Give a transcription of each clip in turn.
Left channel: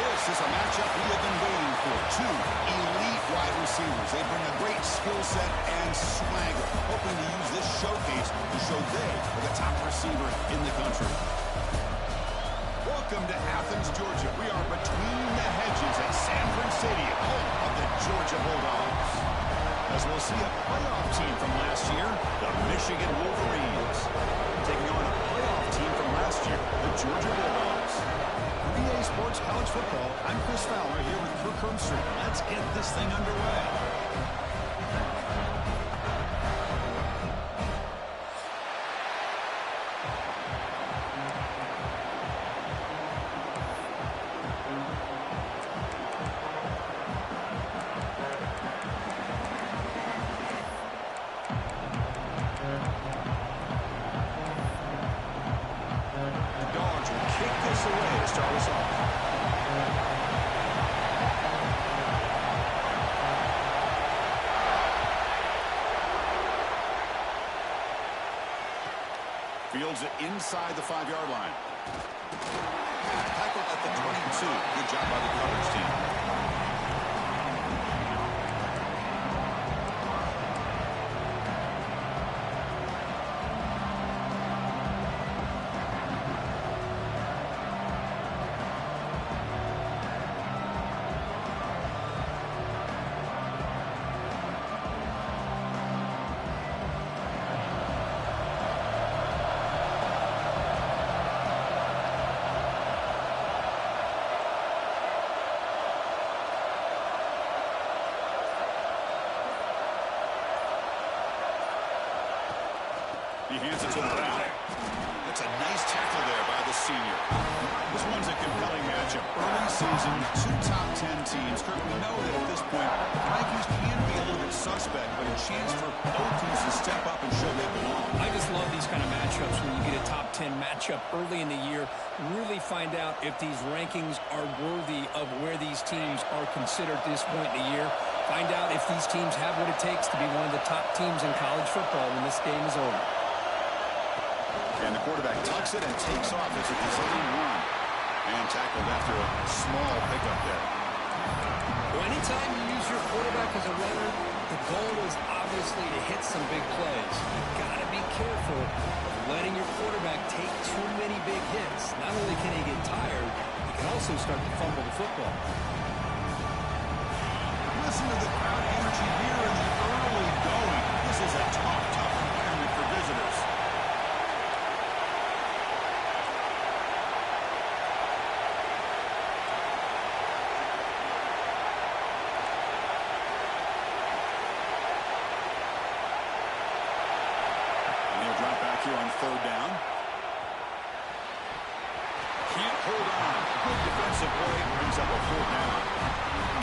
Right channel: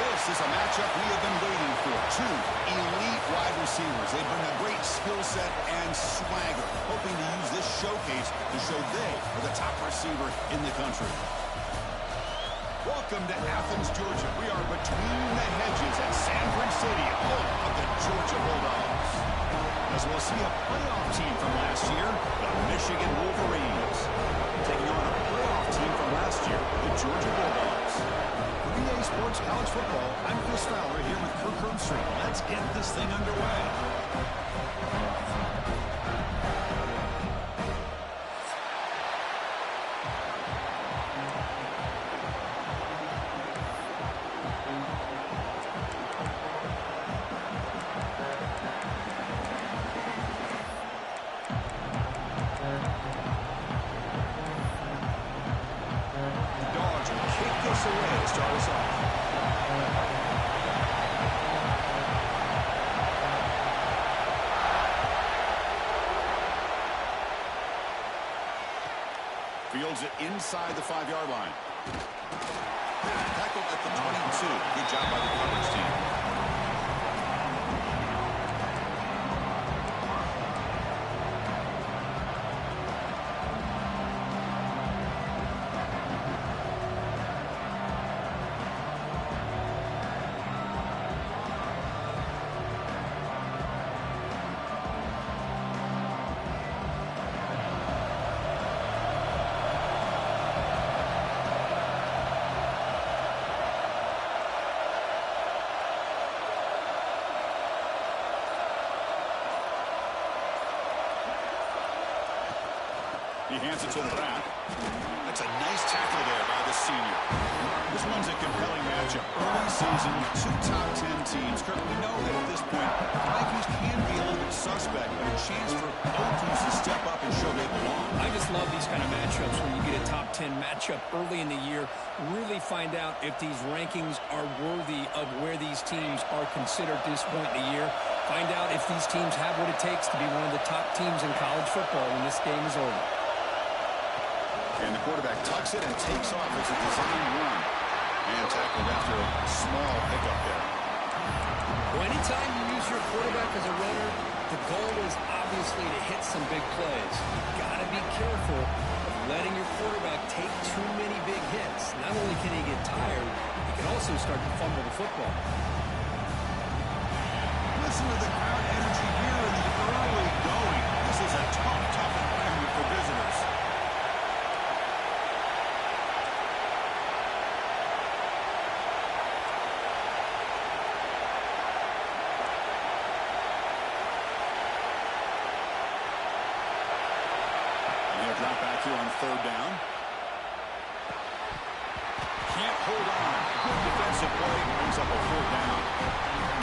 This is a matchup we have been waiting for. Two elite wide receivers. They bring a great skill set and swagger, hoping to use this showcase to show they are the top receiver in the country. Welcome to Athens, Georgia. We are between the hedges at Sanford Stadium, home of the Georgia Bulldogs. As we'll see a playoff team from last year, the Michigan Wolverines, taking on a playoff team from last year, the Georgia Bulldogs. For EA Sports College Football, I'm Chris Fowler here with Kirk Herbstreit. Let's get this thing underway. Away to start us off. Fields it inside the 5-yard line. Tackled at the 22. Good job by the coverage team. He hands it to the ground. That's a nice tackle there by the senior. This one's a compelling matchup. Early season, two top 10 teams. Kirk, we know that at this point, the rankings can be a little bit suspect, but a chance for both teams to step up and show they belong. I just love these kind of matchups when you get a top 10 matchup early in the year. Really find out if these rankings are worthy of where these teams are considered at this point in the year. Find out if these teams have what it takes to be one of the top teams in college football when this game is over. And the quarterback tucks it and takes off as a design run. And tackled after a small pickup there. Well, anytime you use your quarterback as a runner, the goal is obviously to hit some big plays. You've got to be careful of letting your quarterback take too many big hits. Not only can he get tired, he can also start to fumble the football. Listen to the crowd energy here in the early going. This is a tough environment for visitors. Drop back here on third down. Can't hold on. Good defensive play. Brings up a fourth down.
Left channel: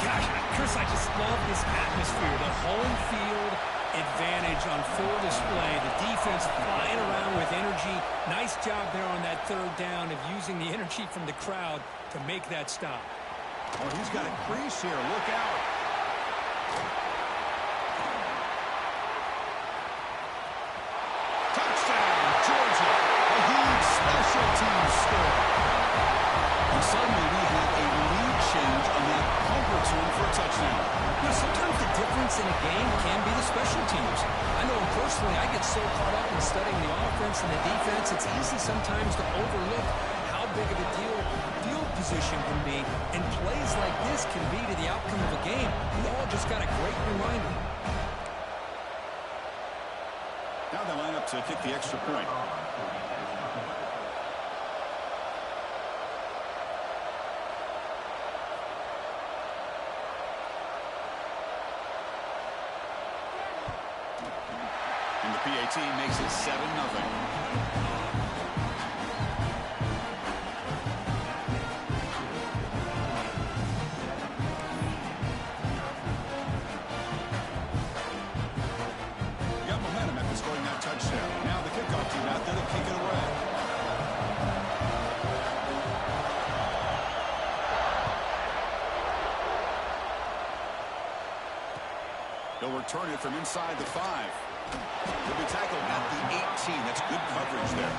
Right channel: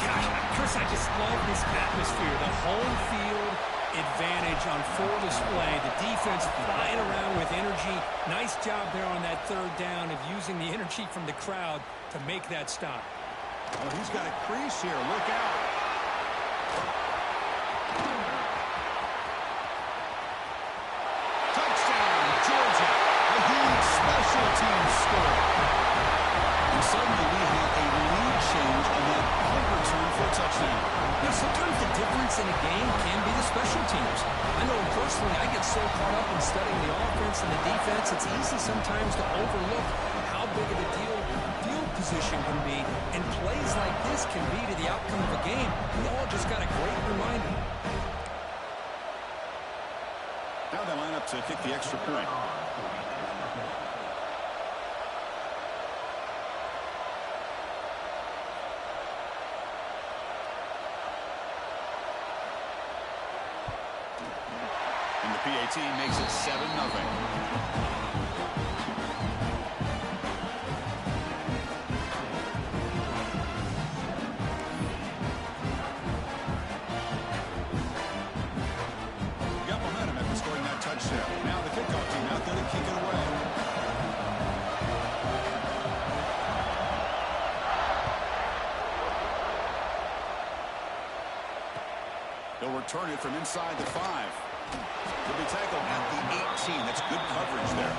Gosh, Chris, I just love this atmosphere. The home field advantage on full display. The defense flying around with energy. Nice job there on that third down of using the energy from the crowd to make that stop. Oh, he's got a crease here. Look out. Touchdown, Georgia. A huge special teams score. And suddenly we have a lead change on that punt return for a touchdown. You know, sometimes the difference in a game can be the special teams. I know personally I get so caught up in studying the offense and the defense, it's easy sometimes to overlook how big of a deal field position can be. And plays like this can be to the outcome of a game. We all just got a great reminder. Now they line up to kick the extra point. And the PAT makes it 7-0. Scoring that touchdown. Now the kickoff team out there to kick it away. He'll return it from inside the 5. He'll be tackled at the 18. That's good coverage there.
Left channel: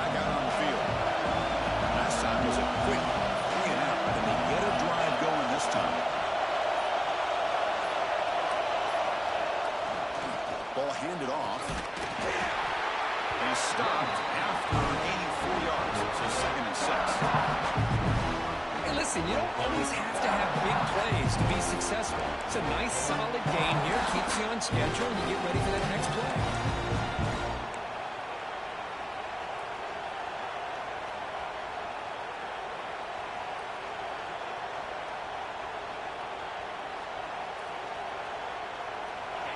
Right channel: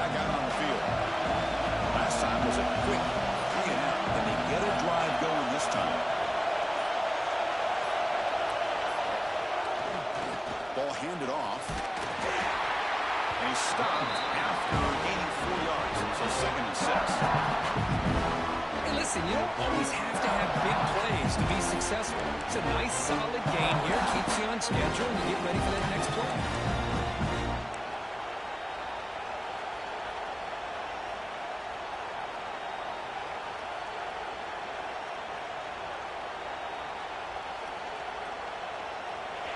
back out on the field. Last time was a quick 3-and-out. Can they get a drive going this time? Ball handed off. And he's stopped after gaining 4 yards. So 2nd and 6. Hey, listen, you don't always have to have big plays to be successful. It's a nice, solid gain here. Keeps you on schedule, and you get ready for that next play.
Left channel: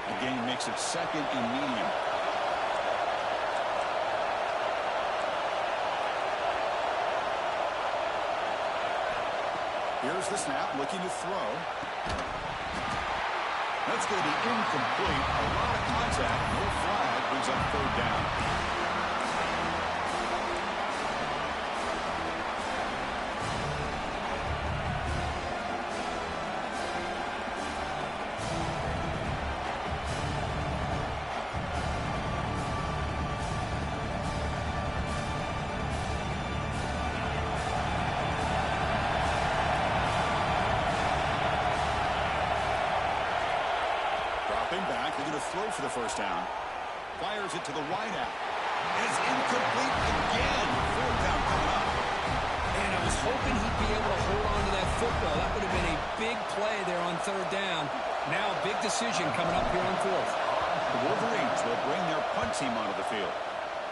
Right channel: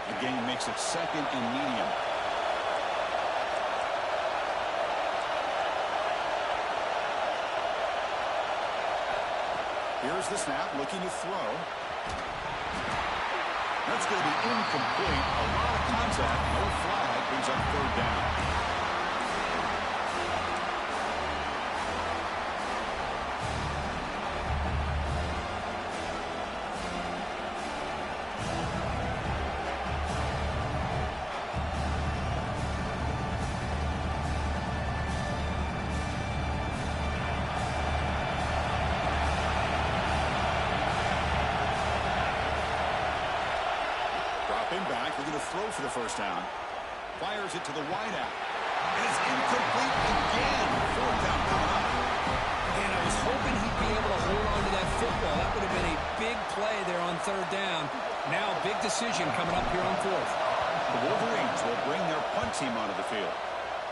The game makes it 2nd and medium. Here's the snap, looking to throw. That's going to be incomplete. A lot of contact, no flag, brings up 3rd down. Dropping back, they're going to throw for the 1st down. Fires it to the wideout. It's incomplete again. 4th down coming up. And I was hoping he'd be able to hold on to that football. That would have been a big play there on 3rd down. Now a big decision coming up here on 4th. The Wolverines will bring their punt team onto the field.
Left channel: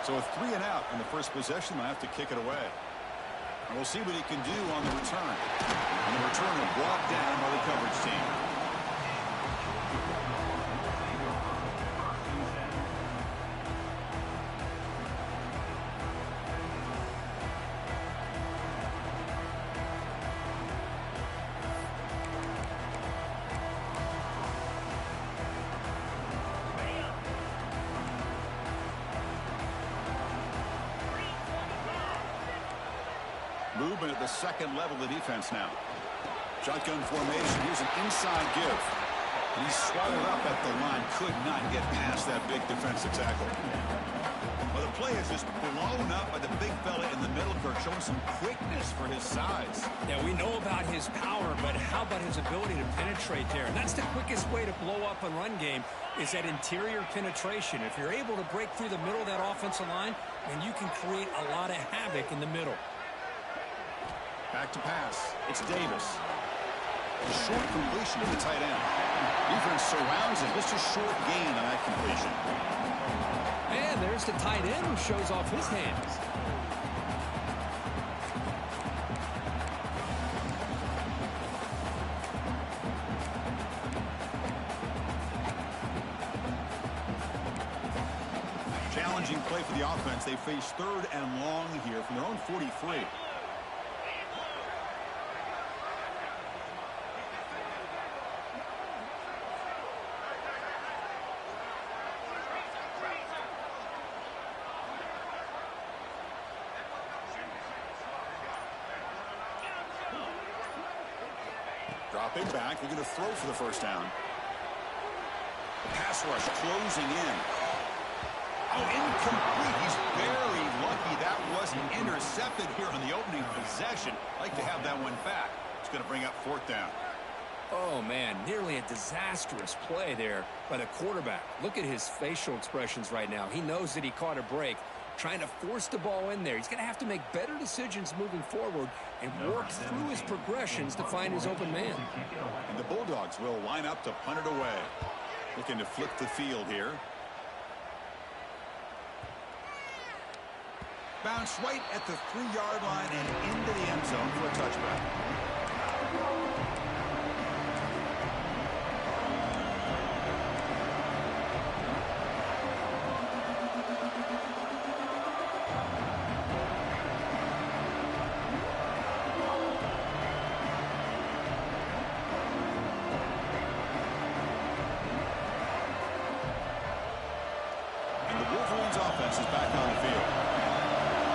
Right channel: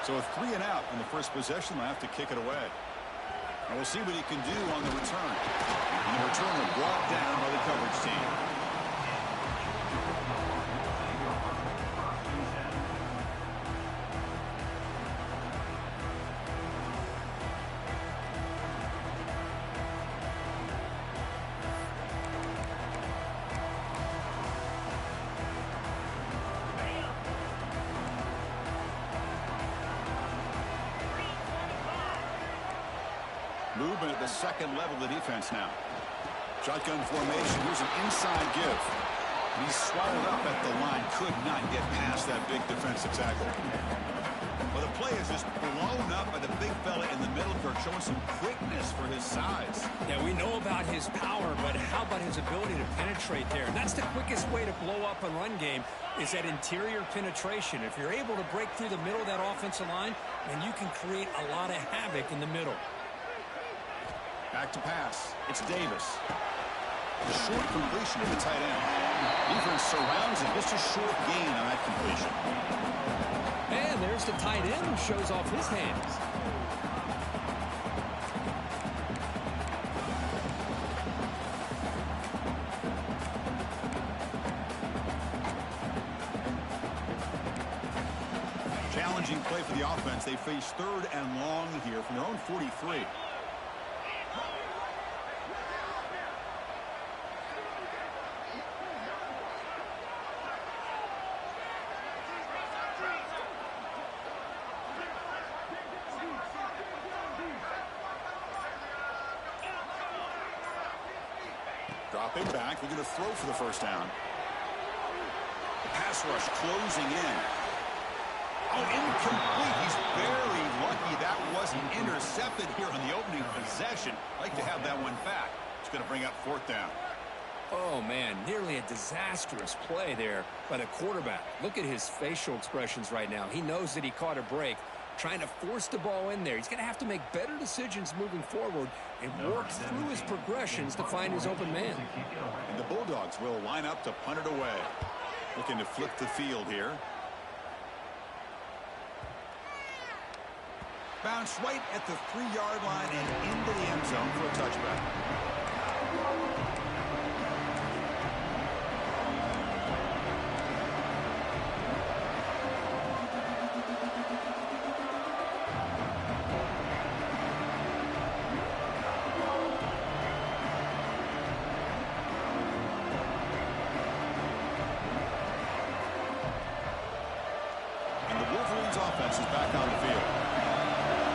So a 3-and-out on the first possession. They'll have to kick it away. And we'll see what he can do on the return. And the returner brought down by the coverage team. Movement at the 2nd level of the defense now. Shotgun formation. Here's an inside give. And he's swallowed up at the line. Could not get past that big defensive tackle. Well, the play is just blown up by the big fella in the middle, Kirk, showing some quickness for his size. Yeah, we know about his power, but how about his ability to penetrate there? And that's the quickest way to blow up a run game, is that interior penetration. If you're able to break through the middle of that offensive line, then you can create a lot of havoc in the middle. Back to pass. It's Davis. A short completion to the tight end. Defense surrounds him. Just a short gain on that completion. And there's the tight end who shows off his hands. Challenging play for the offense. They face 3rd and long here from their own 43. Dropping back, they're going to throw for the 1st down. The pass rush closing in. Oh, incomplete. He's very lucky that wasn't intercepted here on the opening possession. Like to have that one back. It's going to bring up 4th down. Oh, man, nearly a disastrous play there by the quarterback. Look at his facial expressions right now. He knows that he caught a break, trying to force the ball in there. He's going to have to make better decisions moving forward and work through his progressions to find his open man. And the Bulldogs will line up to punt it away. Looking to flip the field here. Bounce right at the 3-yard line and into the end zone for a touchback. Wolverines offense is back on the field.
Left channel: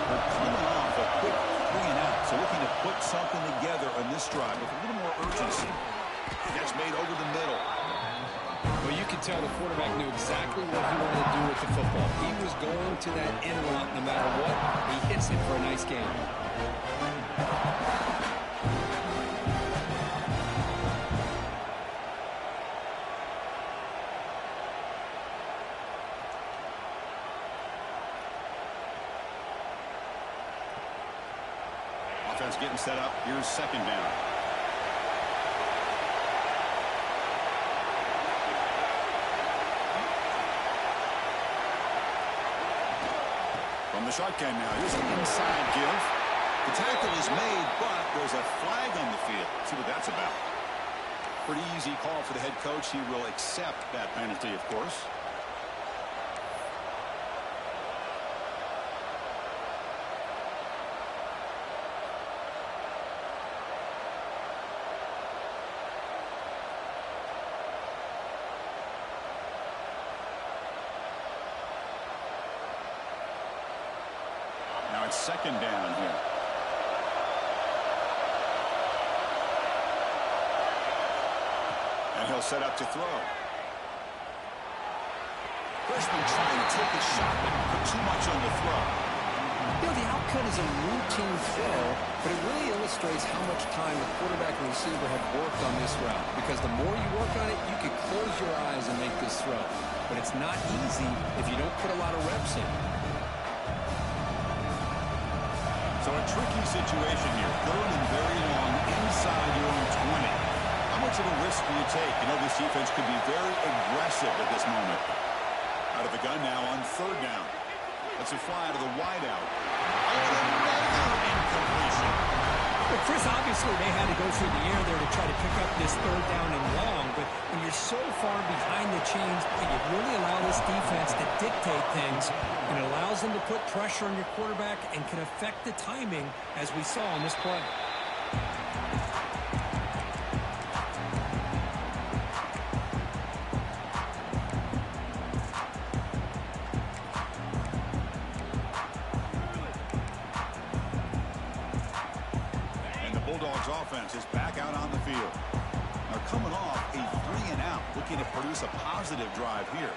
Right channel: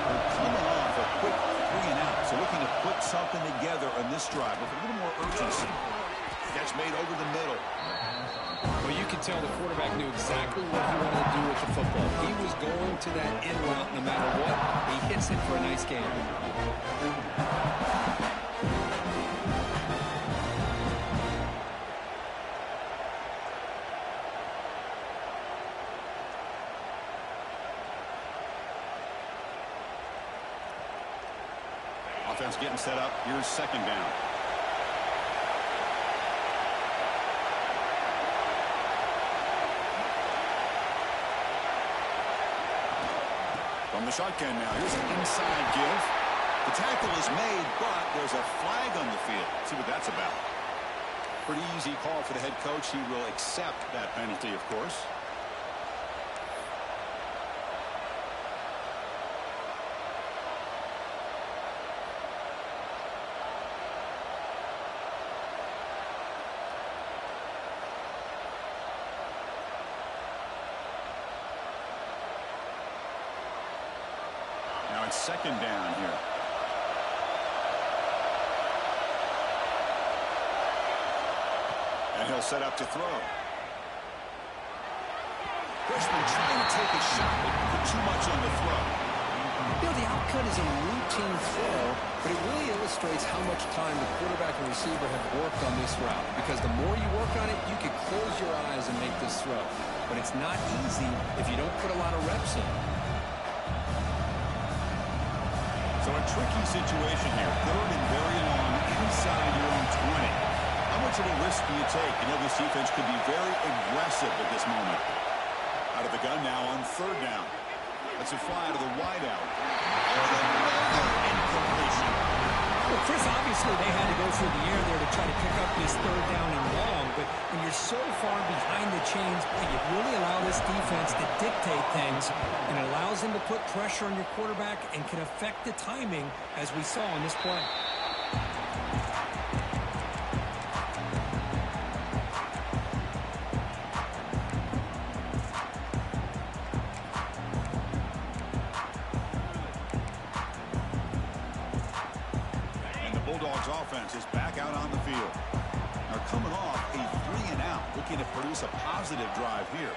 They're coming off a quick 3-and-out, so looking to put something together on this drive with a little more urgency. Catch made over the middle. Well, you could tell the quarterback knew exactly what he wanted to do with the football. He was going to that in route no matter what. He hits it for a nice game. Offense getting set up. Here's second down. From the shotgun now. Here's an inside give. The tackle is made, but there's a flag on the field. Let's see what that's about. Pretty easy call for the head coach. He will accept that penalty, of course. Now it's second down here. And he'll set up to throw. Freshman trying to take a shot, but put too much on the throw. You know, the outcut is a routine throw, but it really illustrates how much time the quarterback and receiver have worked on this route. Because the more you work on it, you can close your eyes and make this throw. But it's not easy if you don't put a lot of reps in. So a tricky situation here. Third and very long inside your own 20. How much of a risk do you take? You know, this defense could be very aggressive at this moment. Out of the gun now on third down. That's a fly to the wideout. Oh, another incompletion. Well, Chris, obviously they had to go through the air there to try to pick up this third down and long, but when you're so far behind the chains, you really allow this defense to dictate things, and it allows them to put pressure on your quarterback and can affect the timing, as we saw on this play. Bulldogs offense is back out on the field. Now coming off a 3-and-out, looking to produce a positive drive here.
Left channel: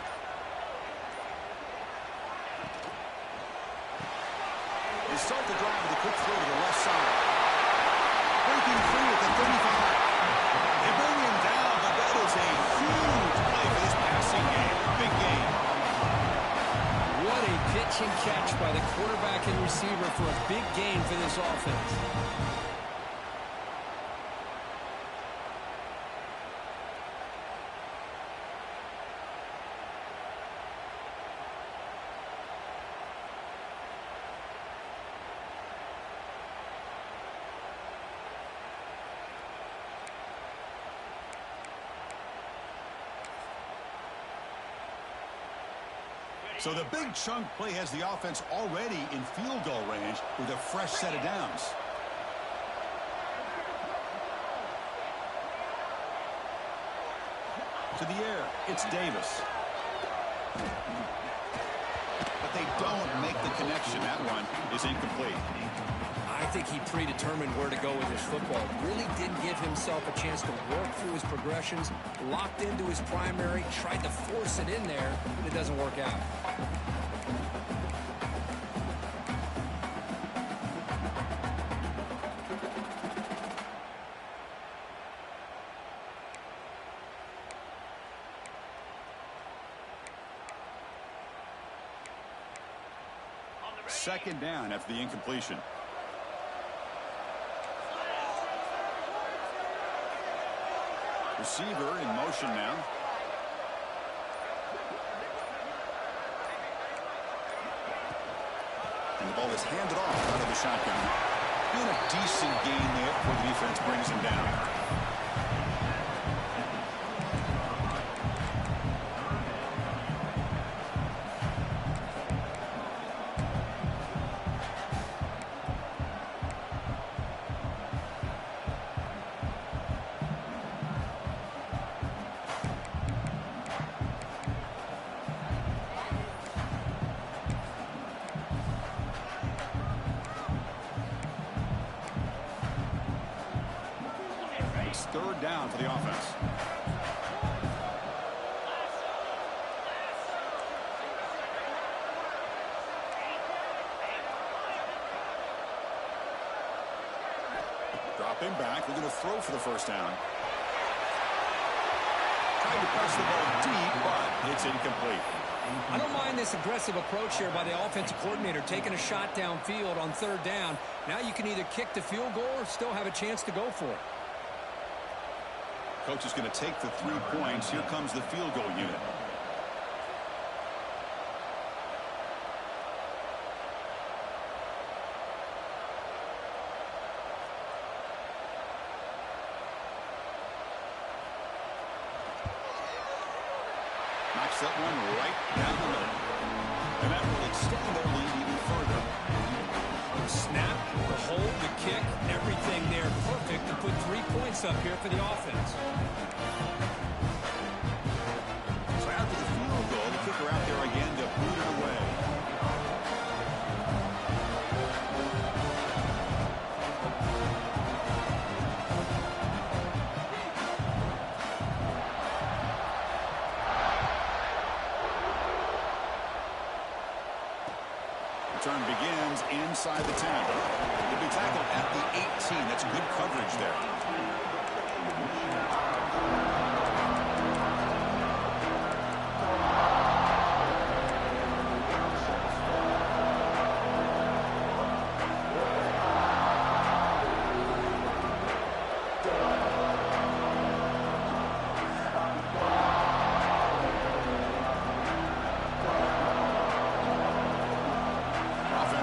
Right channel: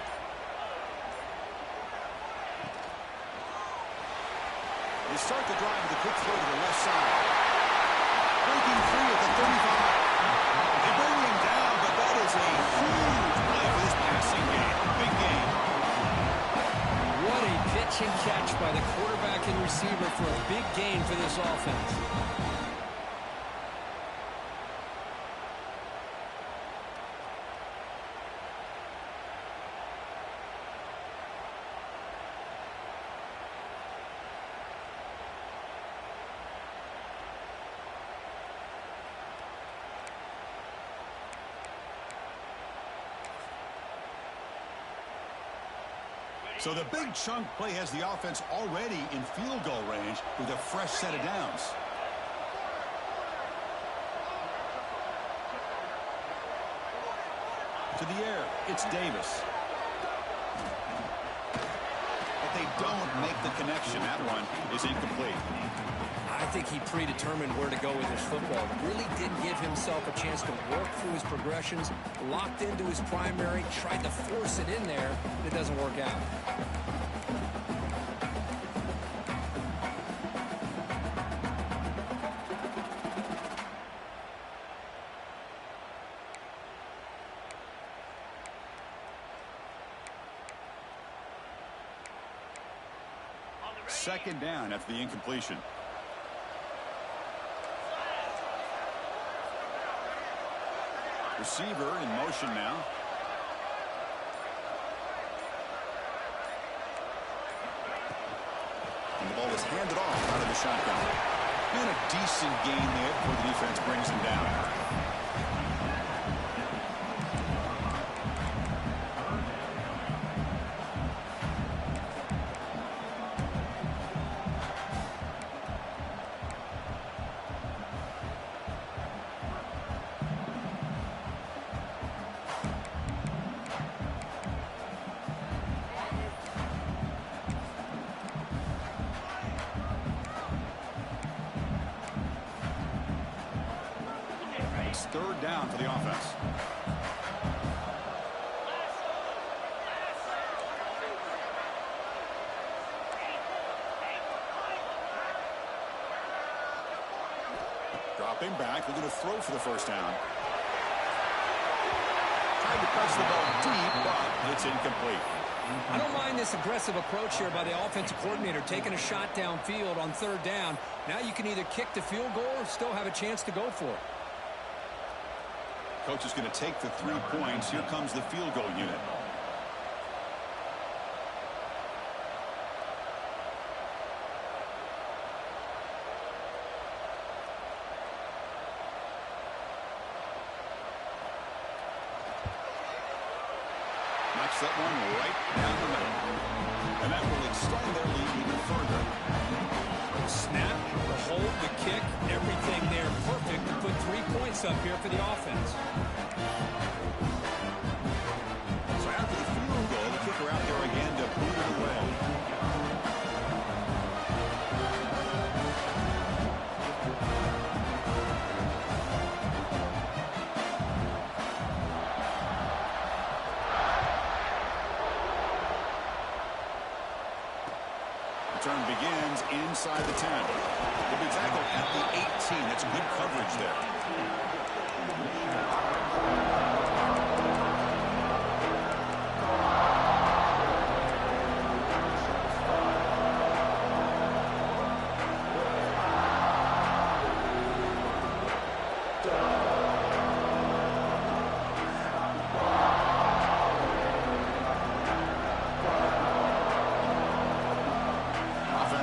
They start the drive with a quick throw to the left side. Breaking free at the 35. They bring him down, but that is a huge play for this passing game. Big game. What a pitch and catch by the quarterback and receiver for a big gain for this offense. So the big chunk play has the offense already in field goal range with a fresh set of downs. To the air, it's Davis. But they don't make the connection. That one is incomplete. I think he predetermined where to go with his football. Really didn't give himself a chance to work through his progressions, locked into his primary, tried to force it in there, and it doesn't work out. Second down after the incompletion. Receiver in motion now. And the ball is handed off out of the shotgun. Doing a decent gain there before the defense brings him down. It's third down for the offense. Stepping back, they're going to throw for the first down. Tried to press the ball deep, but it's incomplete. I don't mind this aggressive approach here by the offensive coordinator, taking a shot downfield on third down. Now you can either kick the field goal or still have a chance to go for it. Coach is going to take the 3 points. Here comes the field goal unit. Knocks that one right down the middle. And that will extend their lead even further. Snap, the hold, the kick, everything there perfect to put 3 points up here for the offense. So after the field goal, the kicker out there again to boot it away. Return begins inside the 10. He'll be tackled at the 18. That's good coverage there.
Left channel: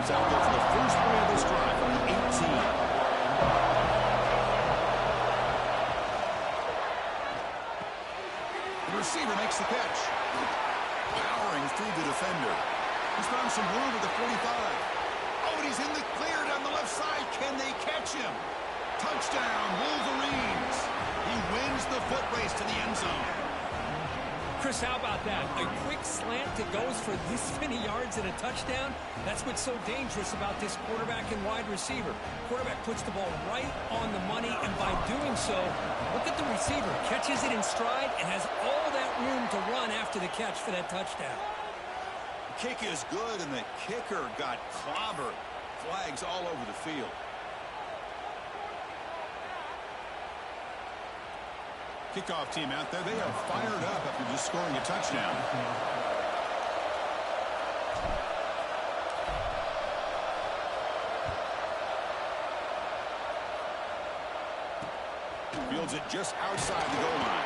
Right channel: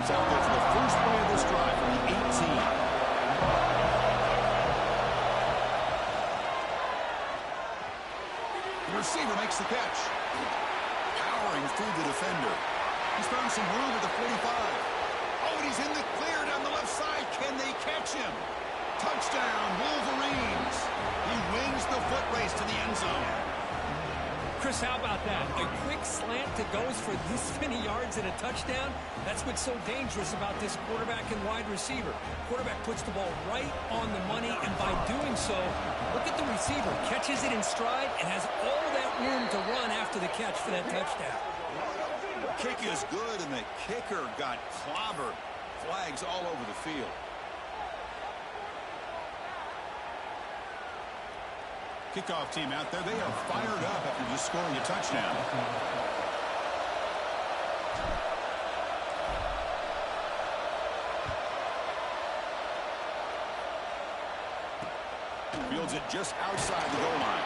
Out there for the first play of this drive from the 18. The receiver makes the catch. Powering through the defender. He's found some room at the 45. Oh, and he's in the clear down the left side. Can they catch him? Touchdown, Wolverines. He wins the foot race to the end zone. Chris, how about that? A quick slant that goes for this many yards and a touchdown? That's what's so dangerous about this quarterback and wide receiver. Quarterback puts the ball right on the money, and by doing so, look at the receiver. Catches it in stride and has all that room to run after the catch for that touchdown. The kick is good, and the kicker got clobbered. Flags all over the field. Kickoff team out there, they are fired up after just scoring a touchdown. Fields it just outside the goal line.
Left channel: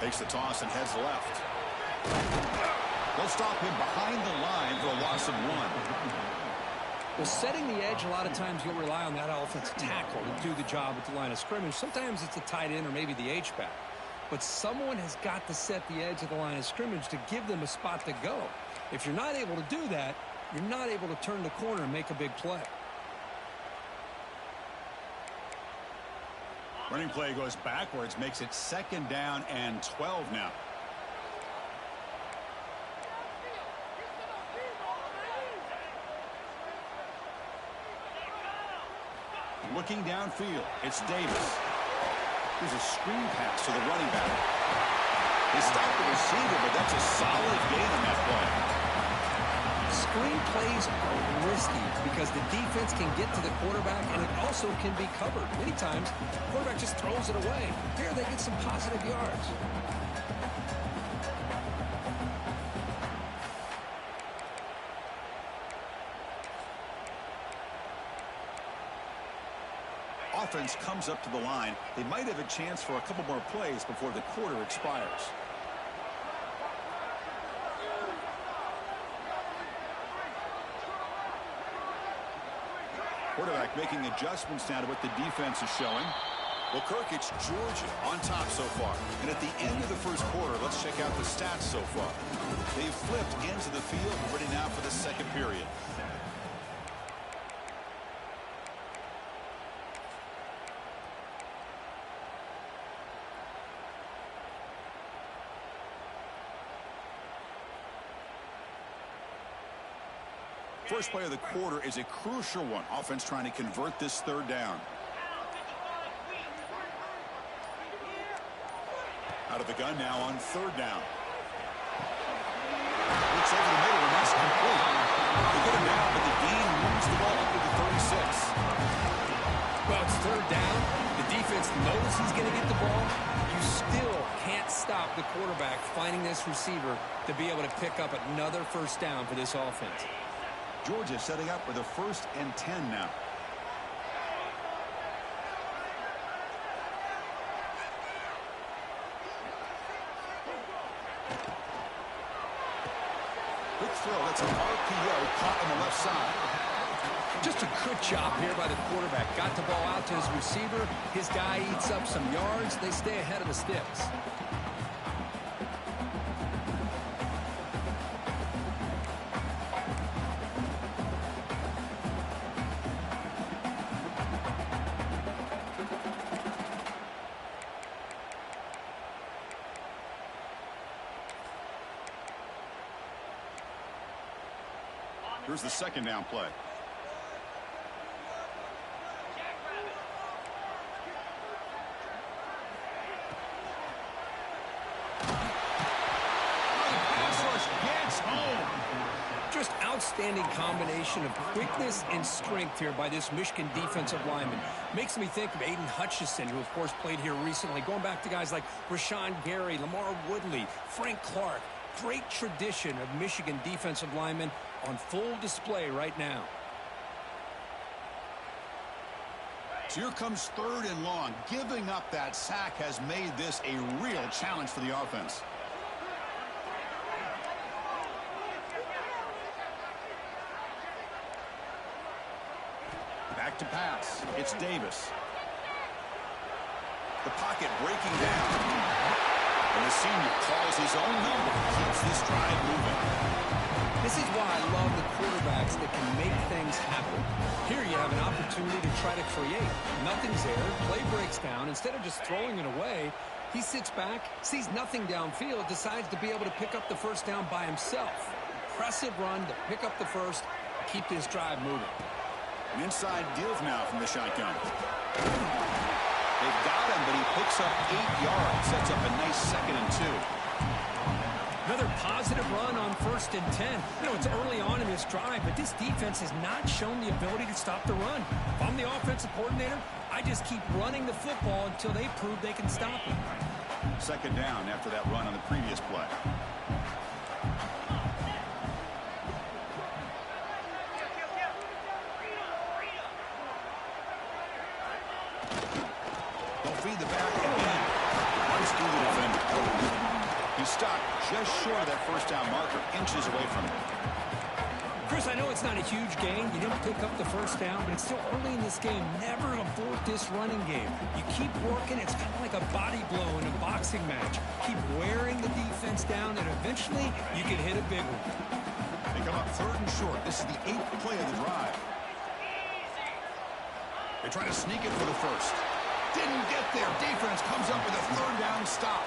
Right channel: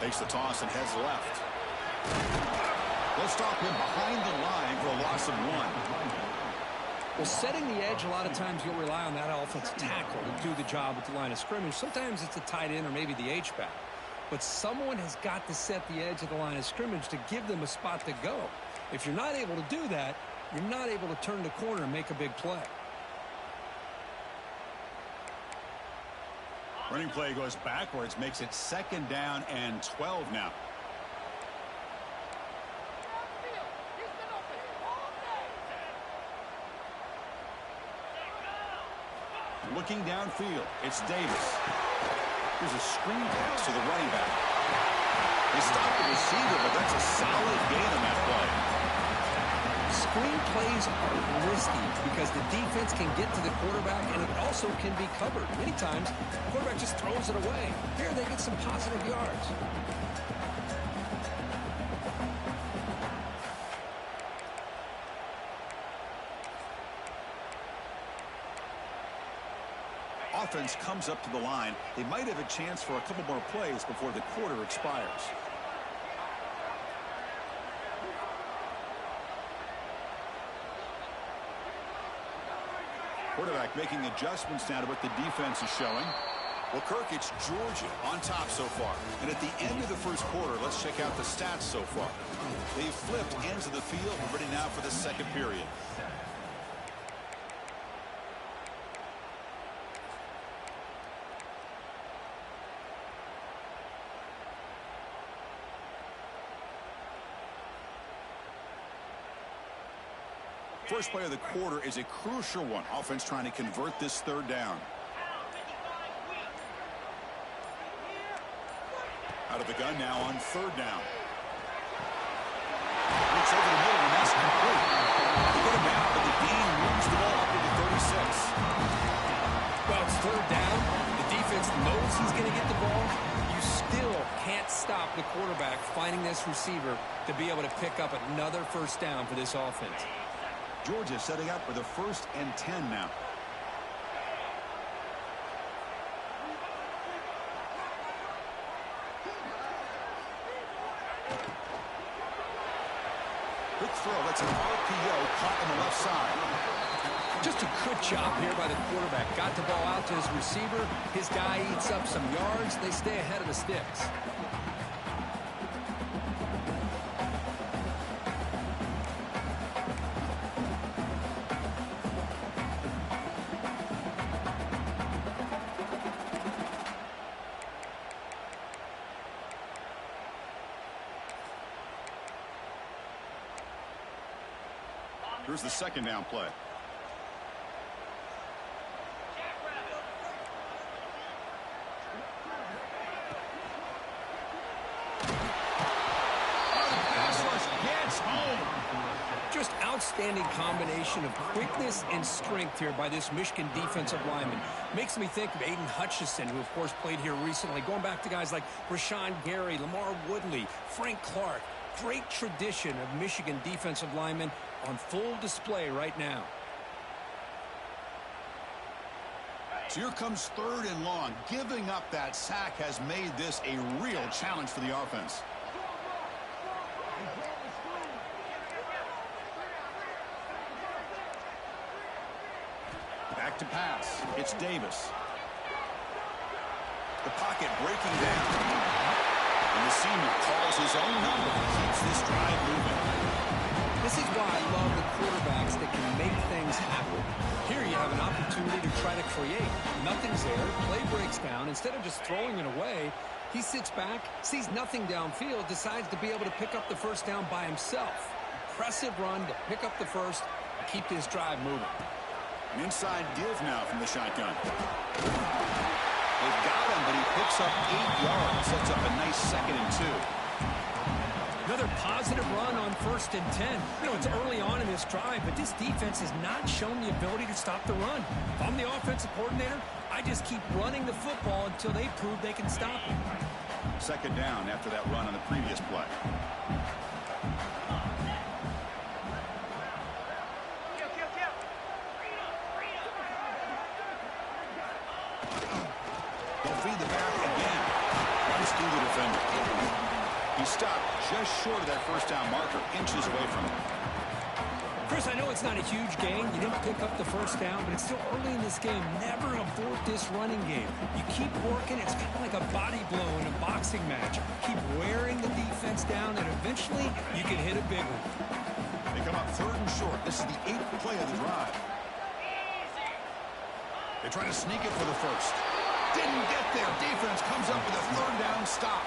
Takes the toss and heads left. They'll stop him behind the line for a loss of 1. Well, setting the edge, a lot of times you'll rely on that offensive tackle to do the job at the line of scrimmage. Sometimes it's a tight end or maybe the H-back. But someone has got to set the edge of the line of scrimmage to give them a spot to go. If you're not able to do that, you're not able to turn the corner and make a big play. Running play goes backwards, makes it 2nd down and 12 now. Looking downfield, it's Davis. Here's a screen pass to the running back. They stopped the receiver, but that's a solid gain on that play. Screen plays are risky because the defense can get to the quarterback, and it also can be covered. Many times, the quarterback just throws it away. Here, they get some positive yards. Offense comes up to the line. They might have a chance for a couple more plays before the quarter expires. Quarterback making adjustments now to what the defense is showing. Well, Kirk, it's Georgia on top so far. And at the end of the first quarter, let's check out the stats so far. They've flipped ends of the field. We're ready now for the second period. First play of the quarter is a crucial one. Offense trying to convert this third down. Out of the gun now on third down. Looks over the middle, and that's complete. They get him now, but the Dean moves the ball up to the 36. Well, it's third down. The defense knows he's going to get the ball. You still can't stop the quarterback finding this receiver to be able to pick up another first down for this offense. Georgia setting up for the 1st and 10 now. Quick throw. That's an RPO caught on the left side. Just a good job here by the quarterback. Got the ball out to his receiver. His guy eats up some yards. They stay ahead of the sticks. Here's the second down play. Just outstanding combination of quickness and strength here by this Michigan defensive lineman. Makes me think of Aiden Hutchinson, who of course played here recently. Going back to guys like Rashawn Gary, Lamar Woodley, Frank Clark. Great tradition of Michigan defensive linemen on full display right now. So here comes third and long. Giving up that sack has made this a real challenge for the offense. Back to pass. It's Davis. The pocket breaking down. And the senior calls his own number. Keeps this drive moving. This is why I love the quarterbacks that can make things happen. Here you have an opportunity to try to create. Nothing's there. Play breaks down. Instead of just throwing it away, he sits back, sees nothing downfield, decides to be able to pick up the first down by himself. Impressive run to pick up the first and keep this drive moving. An inside give now from the shotgun. They've got him, but he picks up 8 yards. Sets up a nice 2nd and 2. Another positive run on 1st and 10. You know, it's early on in this drive, but this defense has not shown the ability to stop the run. If I'm the offensive coordinator, I just keep running the football until they prove they can stop it. 2nd down after that run on the previous play. They'll feed the back again. Runs through the defender. He stopped just short of that first down marker, inches away from it. Chris, I know it's not a huge gain. You didn't pick up the first down, but it's still early in this game. Never abort this running game. You keep working. It's kind of like a body blow in a boxing match. Keep wearing the defense down, and eventually you can hit a big one. They come up 3rd and short. This is the 8th play of the drive. They try to sneak it for the first. Didn't get there. Defense comes up with a 3rd down stop.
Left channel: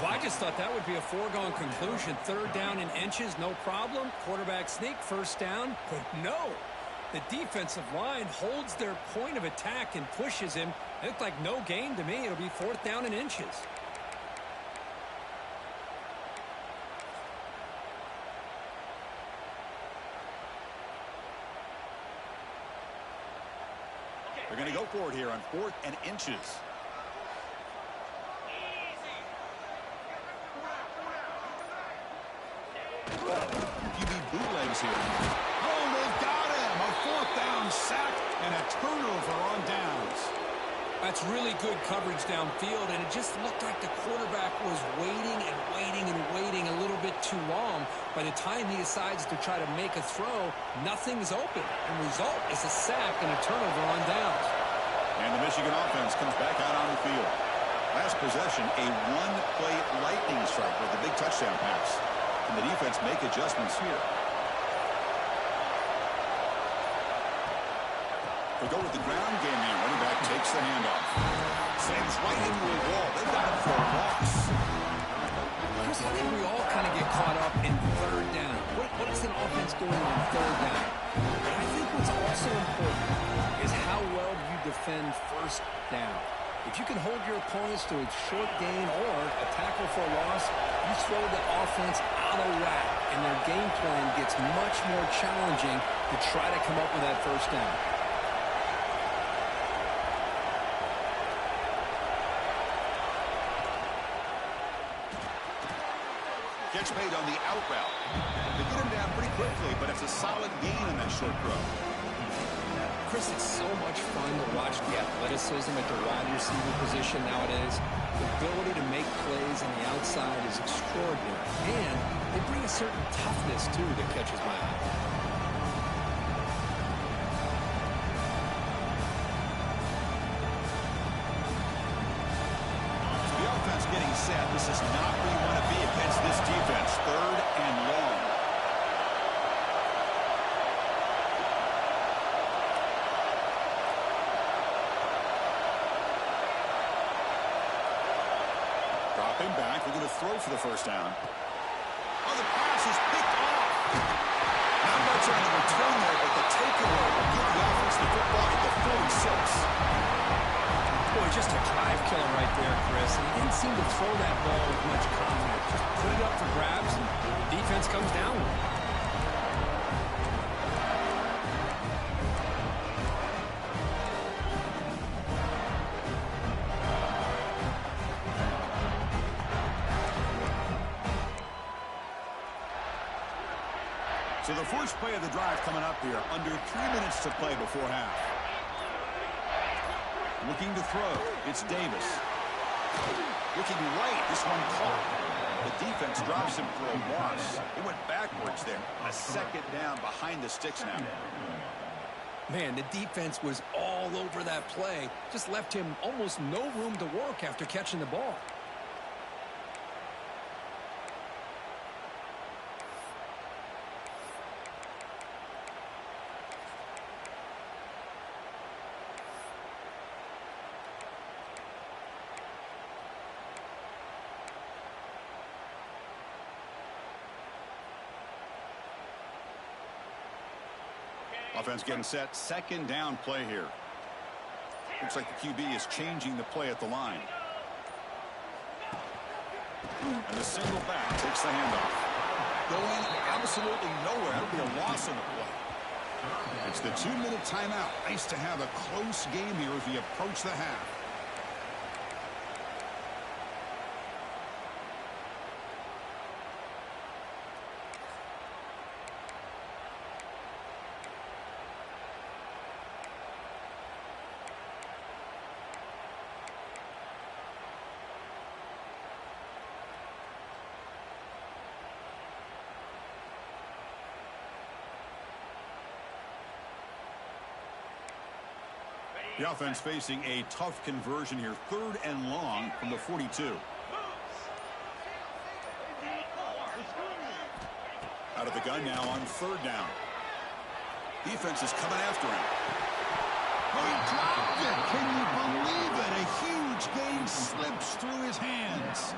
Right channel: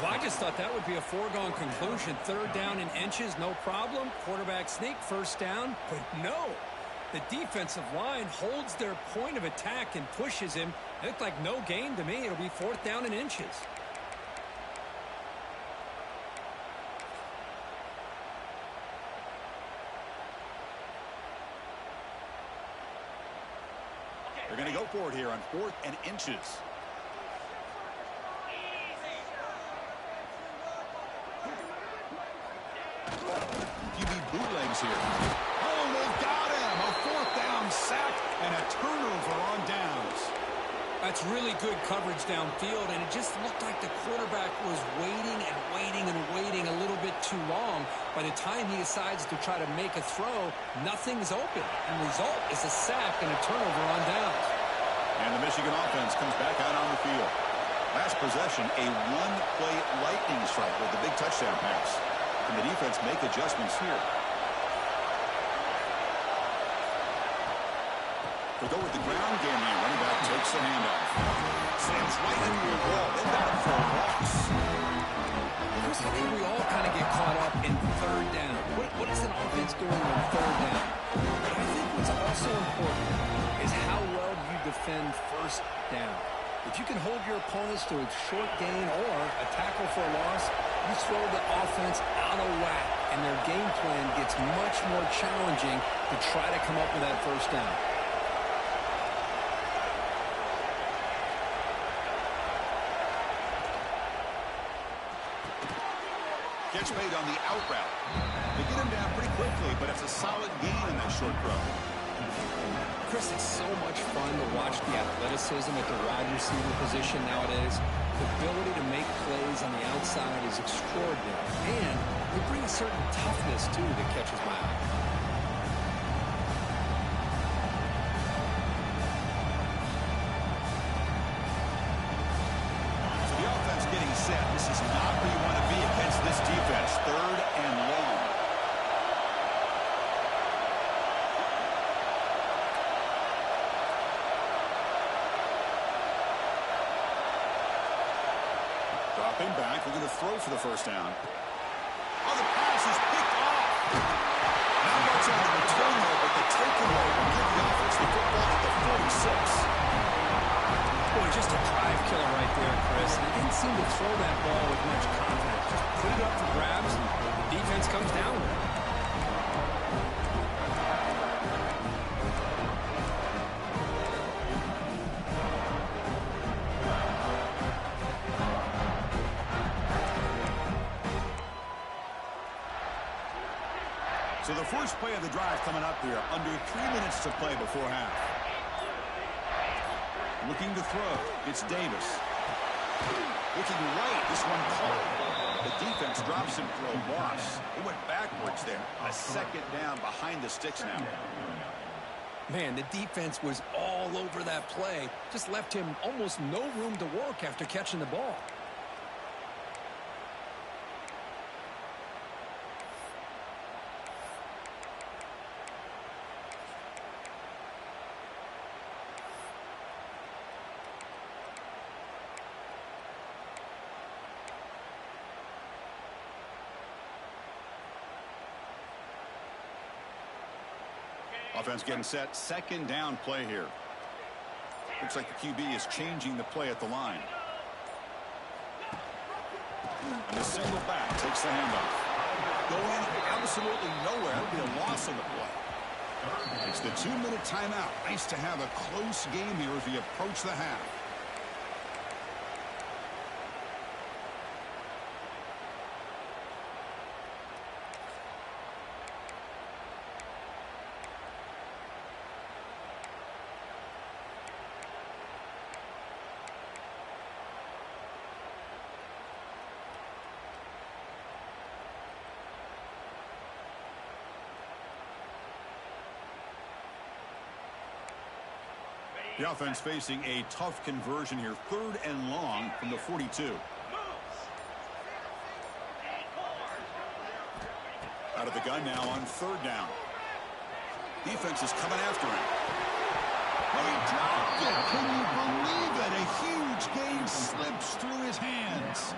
Well, I just thought that would be a foregone conclusion. 3rd down in inches, no problem. Quarterback sneak, first down. But no, the defensive line holds their point of attack and pushes him. It looked like no gain to me. It'll be 4th down in inches. They're going to go for it here on 4th and inches. QB bootlegs here. Oh, they've got him. A 4th down sack and a turnover on downs. That's really good coverage downfield, and it just looked like the quarterback was waiting and waiting and waiting a little bit too long. By the time he decides to try to make a throw, nothing's open. And the result is a sack and a turnover on downs. And the Michigan offense comes back out on the field. Last possession, a one-play lightning strike with the big touchdown pass. Can the defense make adjustments here? We'll go with the ground game here. Running back takes the handoff. Slams right into a wall. They've got him for a loss. Chris, I think we all kind of get caught up in third down. What is an offense doing on third down? But I think what's also important is how well you defend first down. If you can hold your opponents to a short gain or a tackle for a loss, you throw the offense out of whack, and their game plan gets much more challenging to try to come up with that first down. Catch made on the out route. They get him down pretty quickly, but it's a solid gain on that short throw. Chris, it's so much fun to watch the athleticism at the wide receiver position nowadays. The ability to make plays on the outside is extraordinary. And they bring a certain toughness, too, that catches my eye. So the offense getting set. This is not where you want to be against this defense. Third and long. Dropping back, looking to throw for the first down. Oh, the pass is picked off. Not much on the return there, but the takeaway will give the offense the football at the 46. Boy, just a drive killer right there, Chris. And he didn't seem to throw that ball with much confidence. Just put it up for grabs, and the defense comes down with it. So the first play of the drive coming up here. Under 3 minutes to play before half. Looking to throw. It's Davis. Looking right. This one caught. The defense drops him for a loss. It went backwards there. A second down behind the sticks now. Man, the defense was all over that play. Just left him almost no room to work after catching the ball. Offense getting set. Second down play here. Looks like the QB is changing the play at the line. And the single back takes the handoff. Going absolutely nowhere. That'll be a loss on the play. It's the 2-minute timeout. Nice to have a close game here as we approach the half. The offense facing a tough conversion here. Third and long from the 42. Out of the gun now on third down. Defense is coming after him. Oh, he dropped it. Can you believe it? A huge gain slips through his hands.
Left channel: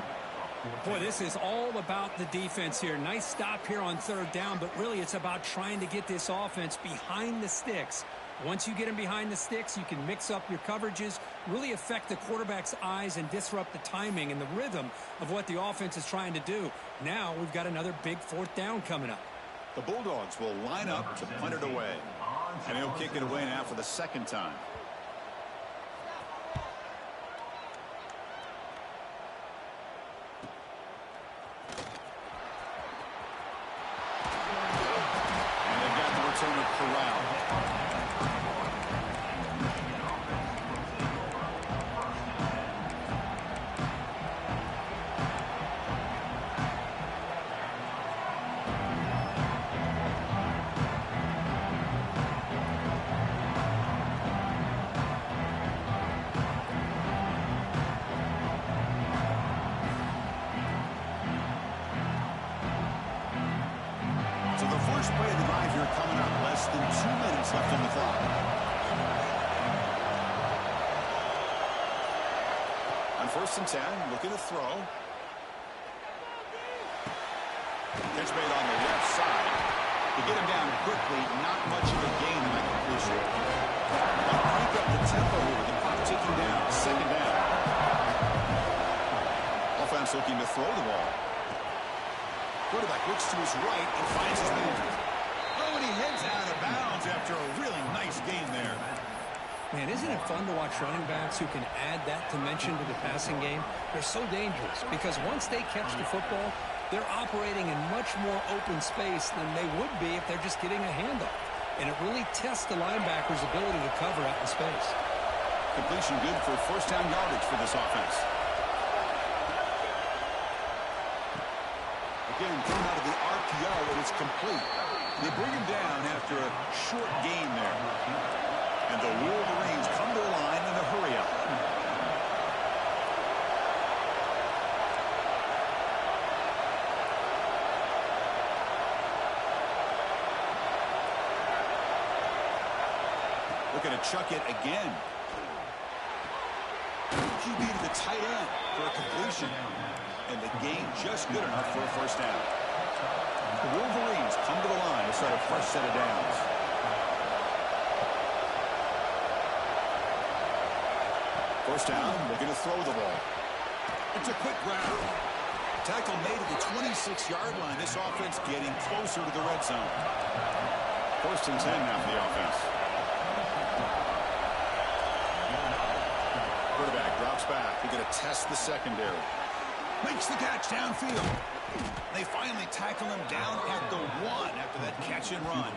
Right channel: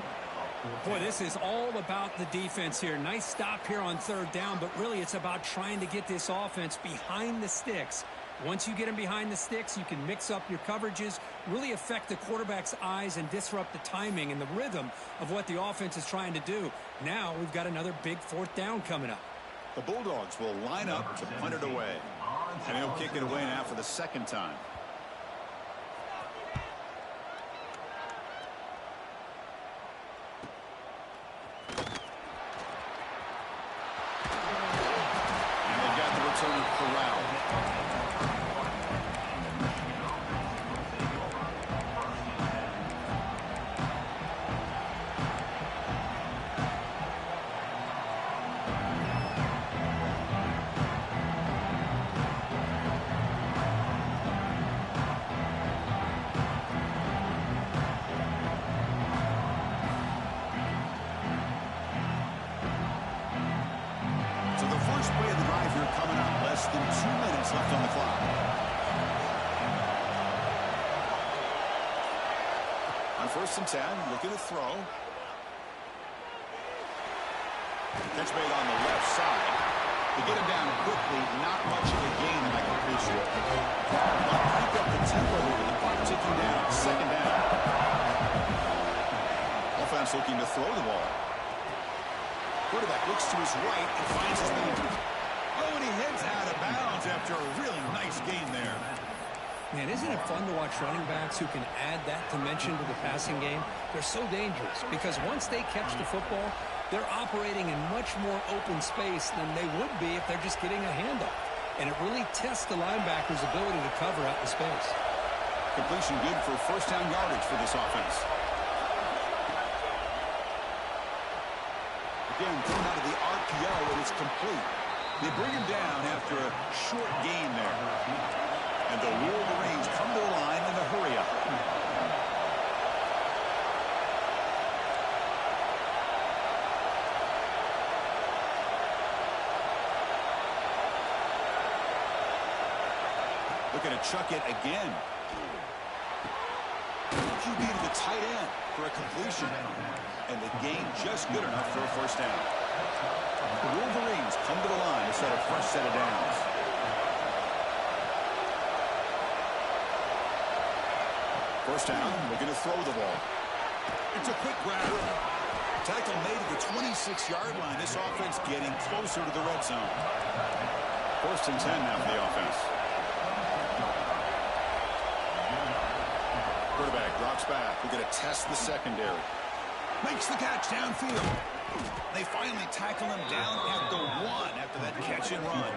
Boy, this is all about the defense here. Nice stop here on third down, but really it's about trying to get this offense behind the sticks. Once you get them behind the sticks, you can mix up your coverages, really affect the quarterback's eyes and disrupt the timing and the rhythm of what the offense is trying to do. Now we've got another big fourth down coming up. The Bulldogs will line up to punt it away. And he'll kick it away now for the second time. And they've got the returner corralled. So the first play of the drive here coming up. Less than 2 minutes left on the clock. On 1st and 10, looking to throw. Catch made on the left side. To get him down quickly, not much of a gain in that completion. They'll crank up the tempo here with the clock ticking down. Second down. Offense looking to throw the ball. Quarterback looks to his right and finds his man. Oh, and he heads out of bounds after a really nice gain there. Man, isn't it fun to watch running backs who can add that dimension to the passing game? They're so dangerous because once they catch the football, they're operating in much more open space than they would be if they're just getting a handoff. And it really tests the linebacker's ability to cover out in space. Completion good for first down yardage for this offense. Again, thrown out of the RPO, and it's complete. They bring him down after a short gain there. And the Wolverines come to the line in a hurry-up. Looking to chuck it again. QB to the tight end for a completion. And the gain just good enough for a first down. The Wolverines come to the line to start a fresh set of downs. First down, looking to throw the ball. It's a quick grab. Tackle made at the 26-yard line. This offense getting closer to the red zone. First and 10 now for the offense. Quarterback drops back. We're going to test the secondary. Makes the catch downfield. They finally tackle him down at the 1 after that catch and run.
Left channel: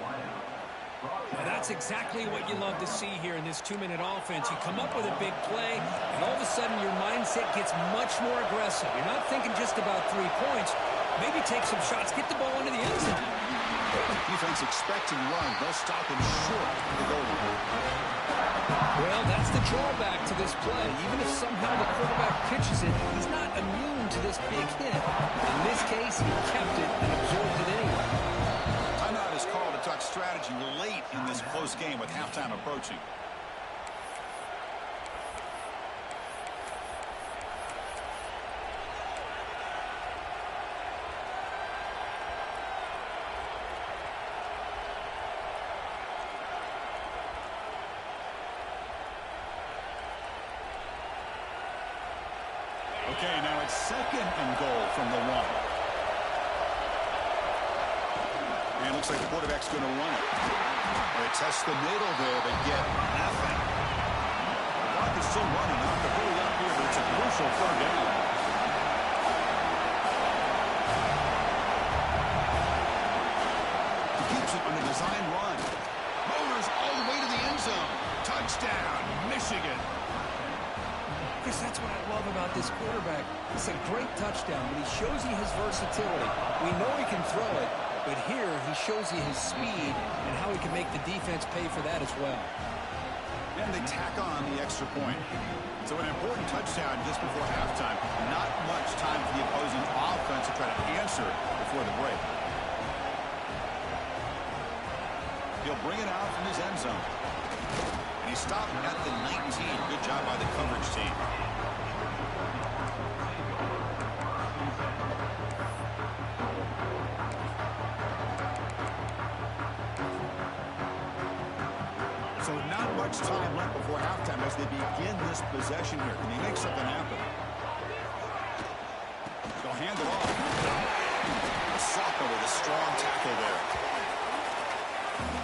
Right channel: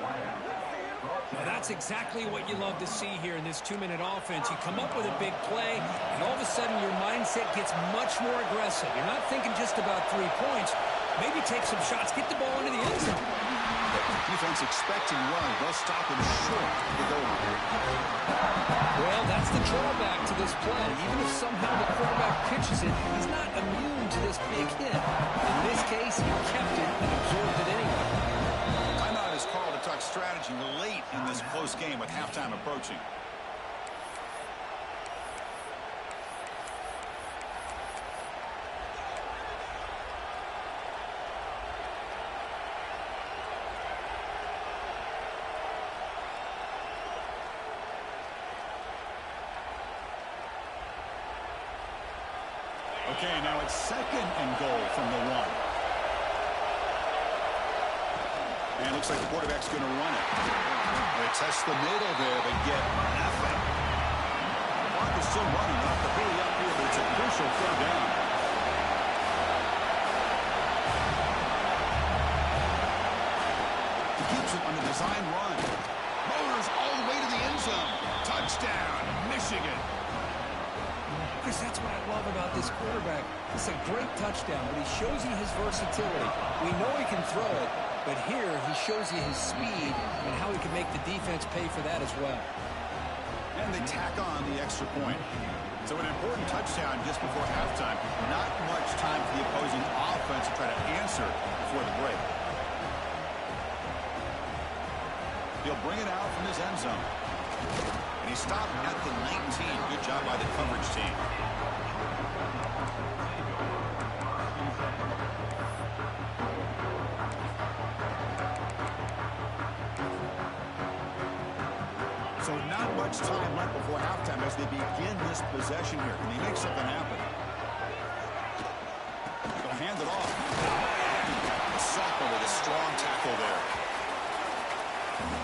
Well, that's exactly what you love to see here in this 2-minute offense. You come up with a big play, and all of a sudden your mindset gets much more aggressive. You're not thinking just about 3 points. Maybe take some shots, get the ball into the end zone. Defense expecting run. They'll stop him short of the goal line. Well, that's the drawback to this play. Even if somehow the quarterback pitches it, he's not immune to this big hit. In this case, he kept it and absorbed it anyway. Timeout is called to talk strategy late in this close game with halftime approaching. Okay, now it's second and goal from the 1. And it looks like the quarterback's going to run it. They test the middle there, but get nothing. The clock is still running. They'll have to hurry up here, but it's a crucial third down. He keeps it on the design run. Motors all the way to the end zone. Touchdown, Michigan. Chris, that's what I love about this quarterback. It's a great touchdown, but he shows you his versatility. We know he can throw it, but here he shows you his speed and how he can make the defense pay for that as well. And they tack on the extra point. So an important touchdown just before halftime. Not much time for the opposing offense to try to answer before the break. He'll bring it out from his end zone. And he stopped at the 19. Good job by the coverage team. So not much time left before halftime as they begin this possession here. Can they make something happen? They'll hand it off. Soccer with a strong tackle there.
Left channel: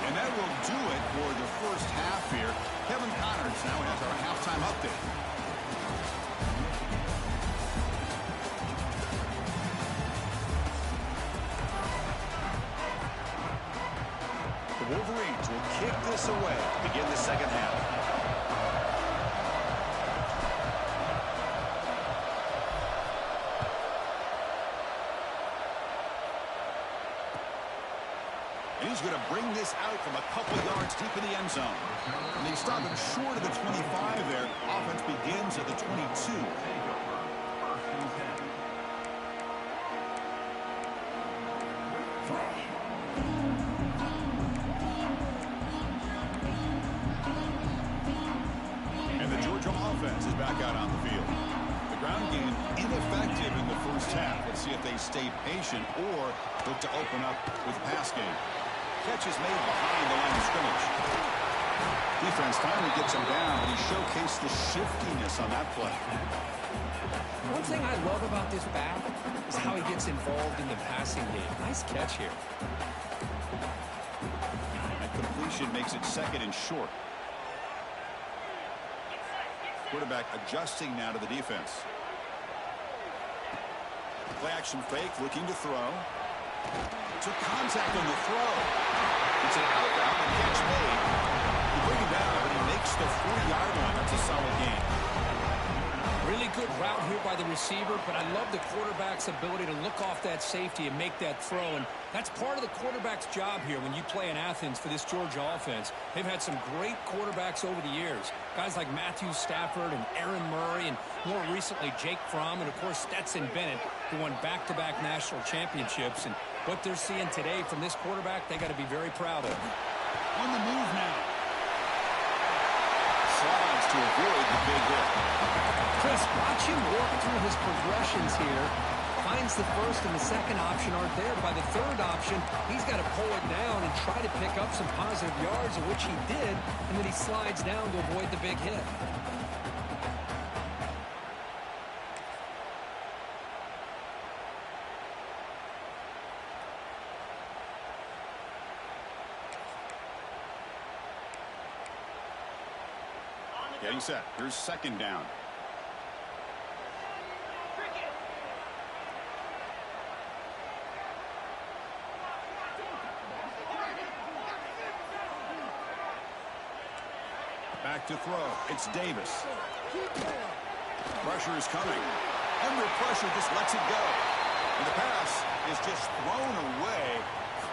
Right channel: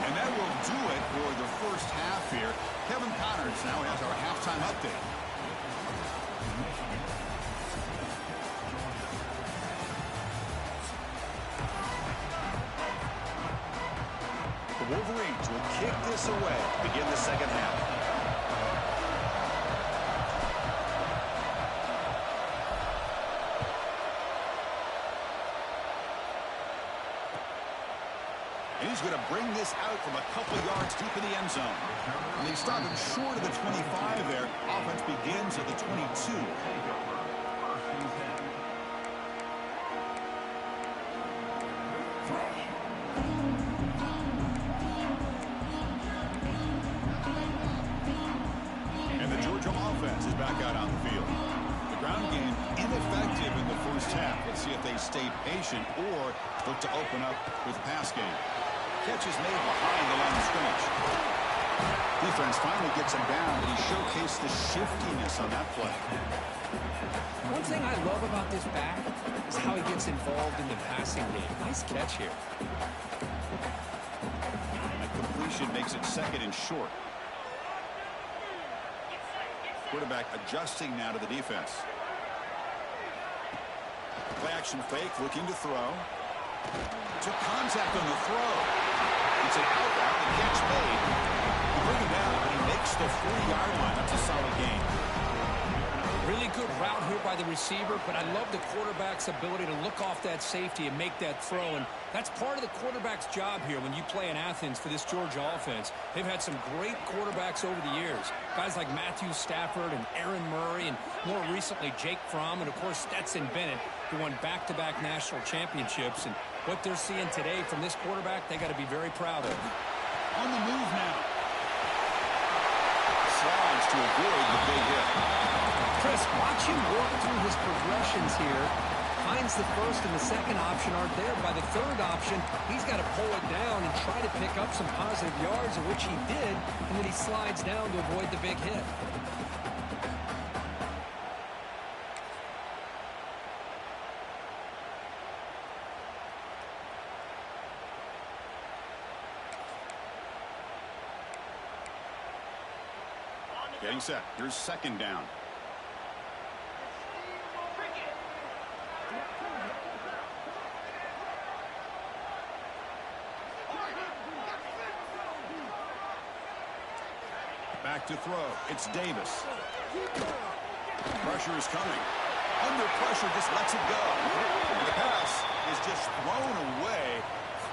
And that will do it for the first half here. Kevin Connors now has our halftime update. The Wolverines will kick this away to begin the second half. And he's going to bring this out from a couple yards deep in the end zone. And they stop him short of the 25 there. Offense begins at the 22. And the Georgia offense is back out on the field. The Ground game ineffective in the first half. Let's see if they stay patient or look to open up with pass game. Catch is made behind the line of scrimmage. Defense finally gets him down, but he showcased the shiftiness on that play. One thing I love about this back is how he gets involved in the passing game. Nice catch here. That completion makes it 2nd and short. Quarterback adjusting now to the defense. Play action fake, looking to throw. Took contact on the throw. It's an out route, the catch made. You bring him down, but he makes the 40-yard line. That's a solid gain. Really good route here by the receiver, but I love the quarterback's ability to look off that safety and make that throw. And that's part of the quarterback's job here when you play in Athens for this Georgia offense. They've had some great quarterbacks over the years. Guys like Matthew Stafford and Aaron Murray, and more recently Jake Fromm, and of course Stetson Bennett, who won back-to-back national championships. And what they're seeing today from this quarterback, they got to be very proud of. On the move now. Slides to avoid the big hit. Chris, watch him work through his progressions here. Finds the first and the second option aren't there. By the third option, he's got to pull it down and try to pick up some positive yards, of which he did, and then he slides down to avoid the big hit. Getting set. Here's 2nd down. Back to throw. It's Davis. Pressure is coming. Under pressure, just lets it go. And the pass is just thrown away.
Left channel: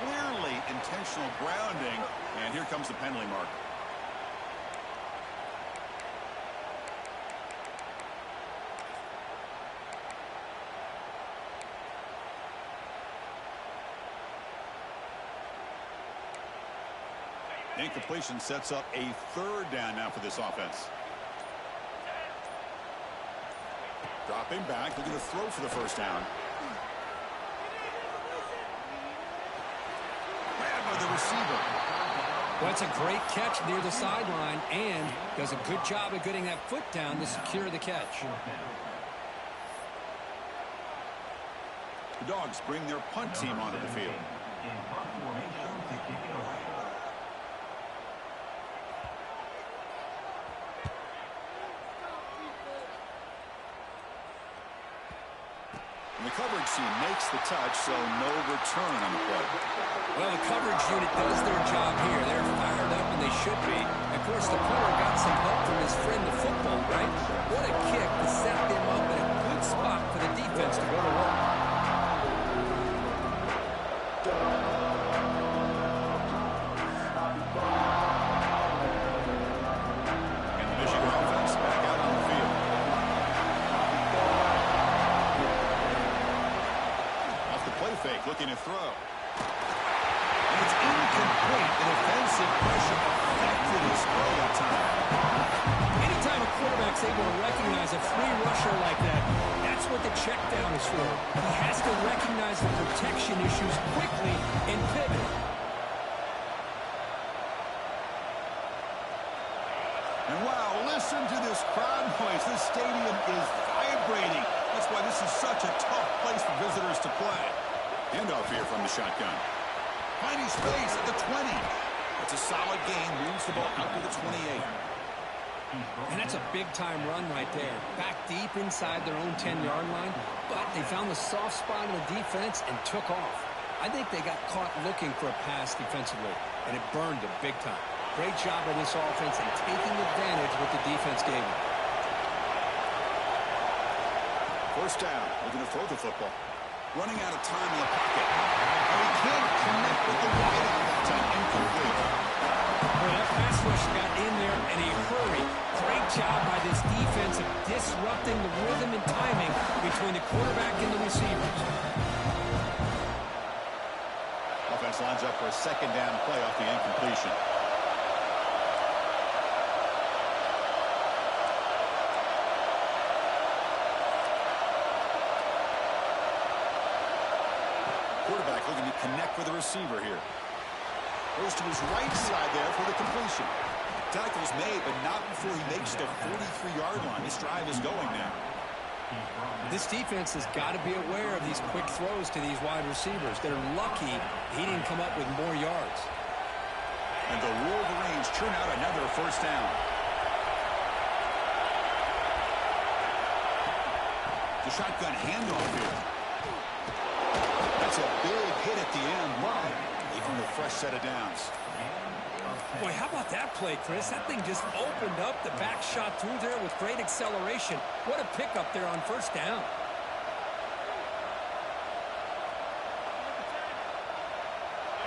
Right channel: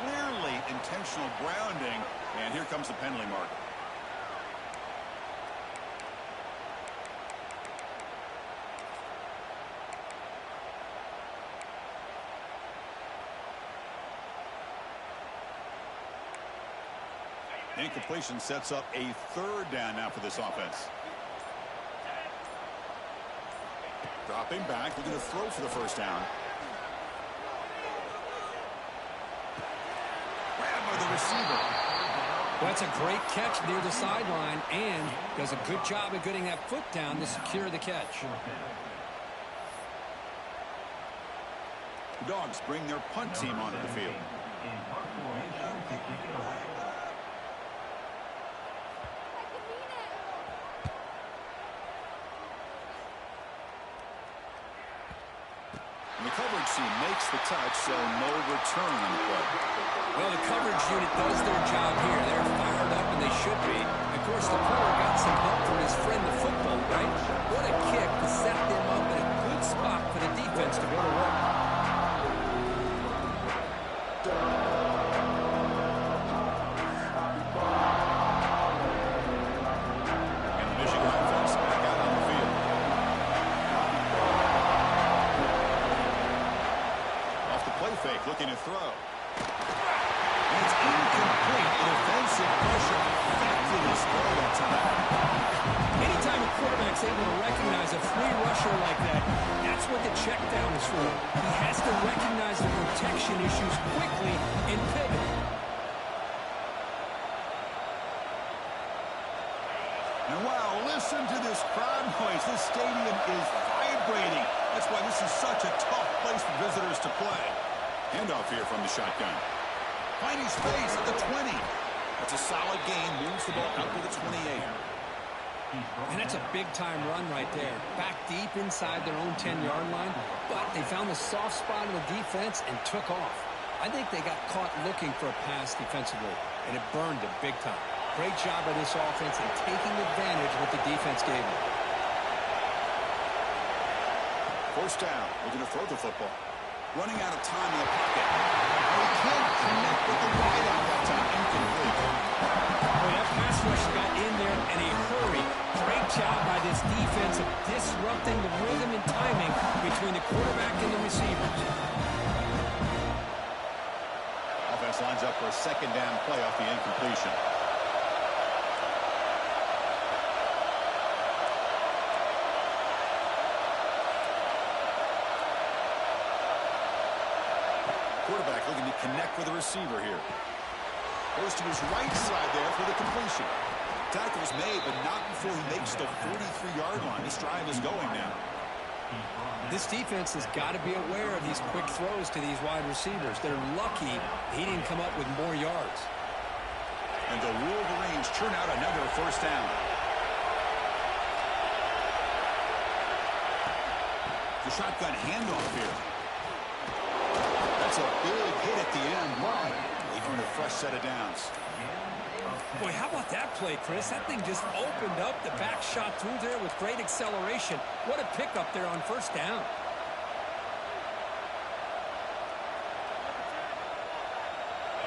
Clearly intentional grounding. And here comes the penalty marker. Incompletion sets up a 3rd down now for this offense. Dropping back, looking to throw for the 1st down. Grabbed by the receiver. Well, that's a great catch near the sideline, and does a good job of getting that foot down to secure the catch. The Dogs bring their punt team onto the field. In punt formation to kick it away. And the coverage team makes the touch, so no return on the play. Well, the coverage unit does their job here. They're fired up, and they should be. Of course, the punter got some help from his friend, the football, right? What a kick to set them up in a good spot for the defense to go to work. And the Michigan offense back out on the field. Off the play fake, looking to throw. And it's incomplete. The defensive pressure affected his throw that time. Anytime a quarterback's able to recognize a free rusher like that, that's what the check down is for. He has to recognize the protection issues quickly and pivot. And wow, listen to this crowd noise. This stadium is vibrating. That's why this is such a tough place for visitors to play. Handoff here from the shotgun. Finding space at the 20. That's a solid gain. Moves the ball out to the 28. And that's a big-time run right there. Back deep inside their own 10-yard line, but they found the soft spot in the defense and took off. I think they got caught looking for a pass defensively, and it burned them big time. Great job by this offense in taking advantage of what the defense gave them. 1st down. Looking to throw the football. Running out of time in the pocket. Oh, he can't connect with the wideout that time. Incomplete. Well, that pass rush got in there in a hurry. Great job by this defense of disrupting the rhythm and timing between the quarterback and the receivers. Offense lines up for a 2nd down play off the incompletion. quarterback looking to connect with the receiver here. Goes to his right side there for the completion. Tackle's made, but not before he makes the 43-yard line. This drive is going now. This defense has got to be aware of these quick throws to these wide receivers. They're lucky he didn't come up with more yards. And the Wolverines churn out another first down. The shotgun handoff here. That's a big hit at the end, but they earn a fresh set of downs. Boy, how about that play, Chris? That thing just opened up. The back shot through there with great acceleration. What a pickup there on first down.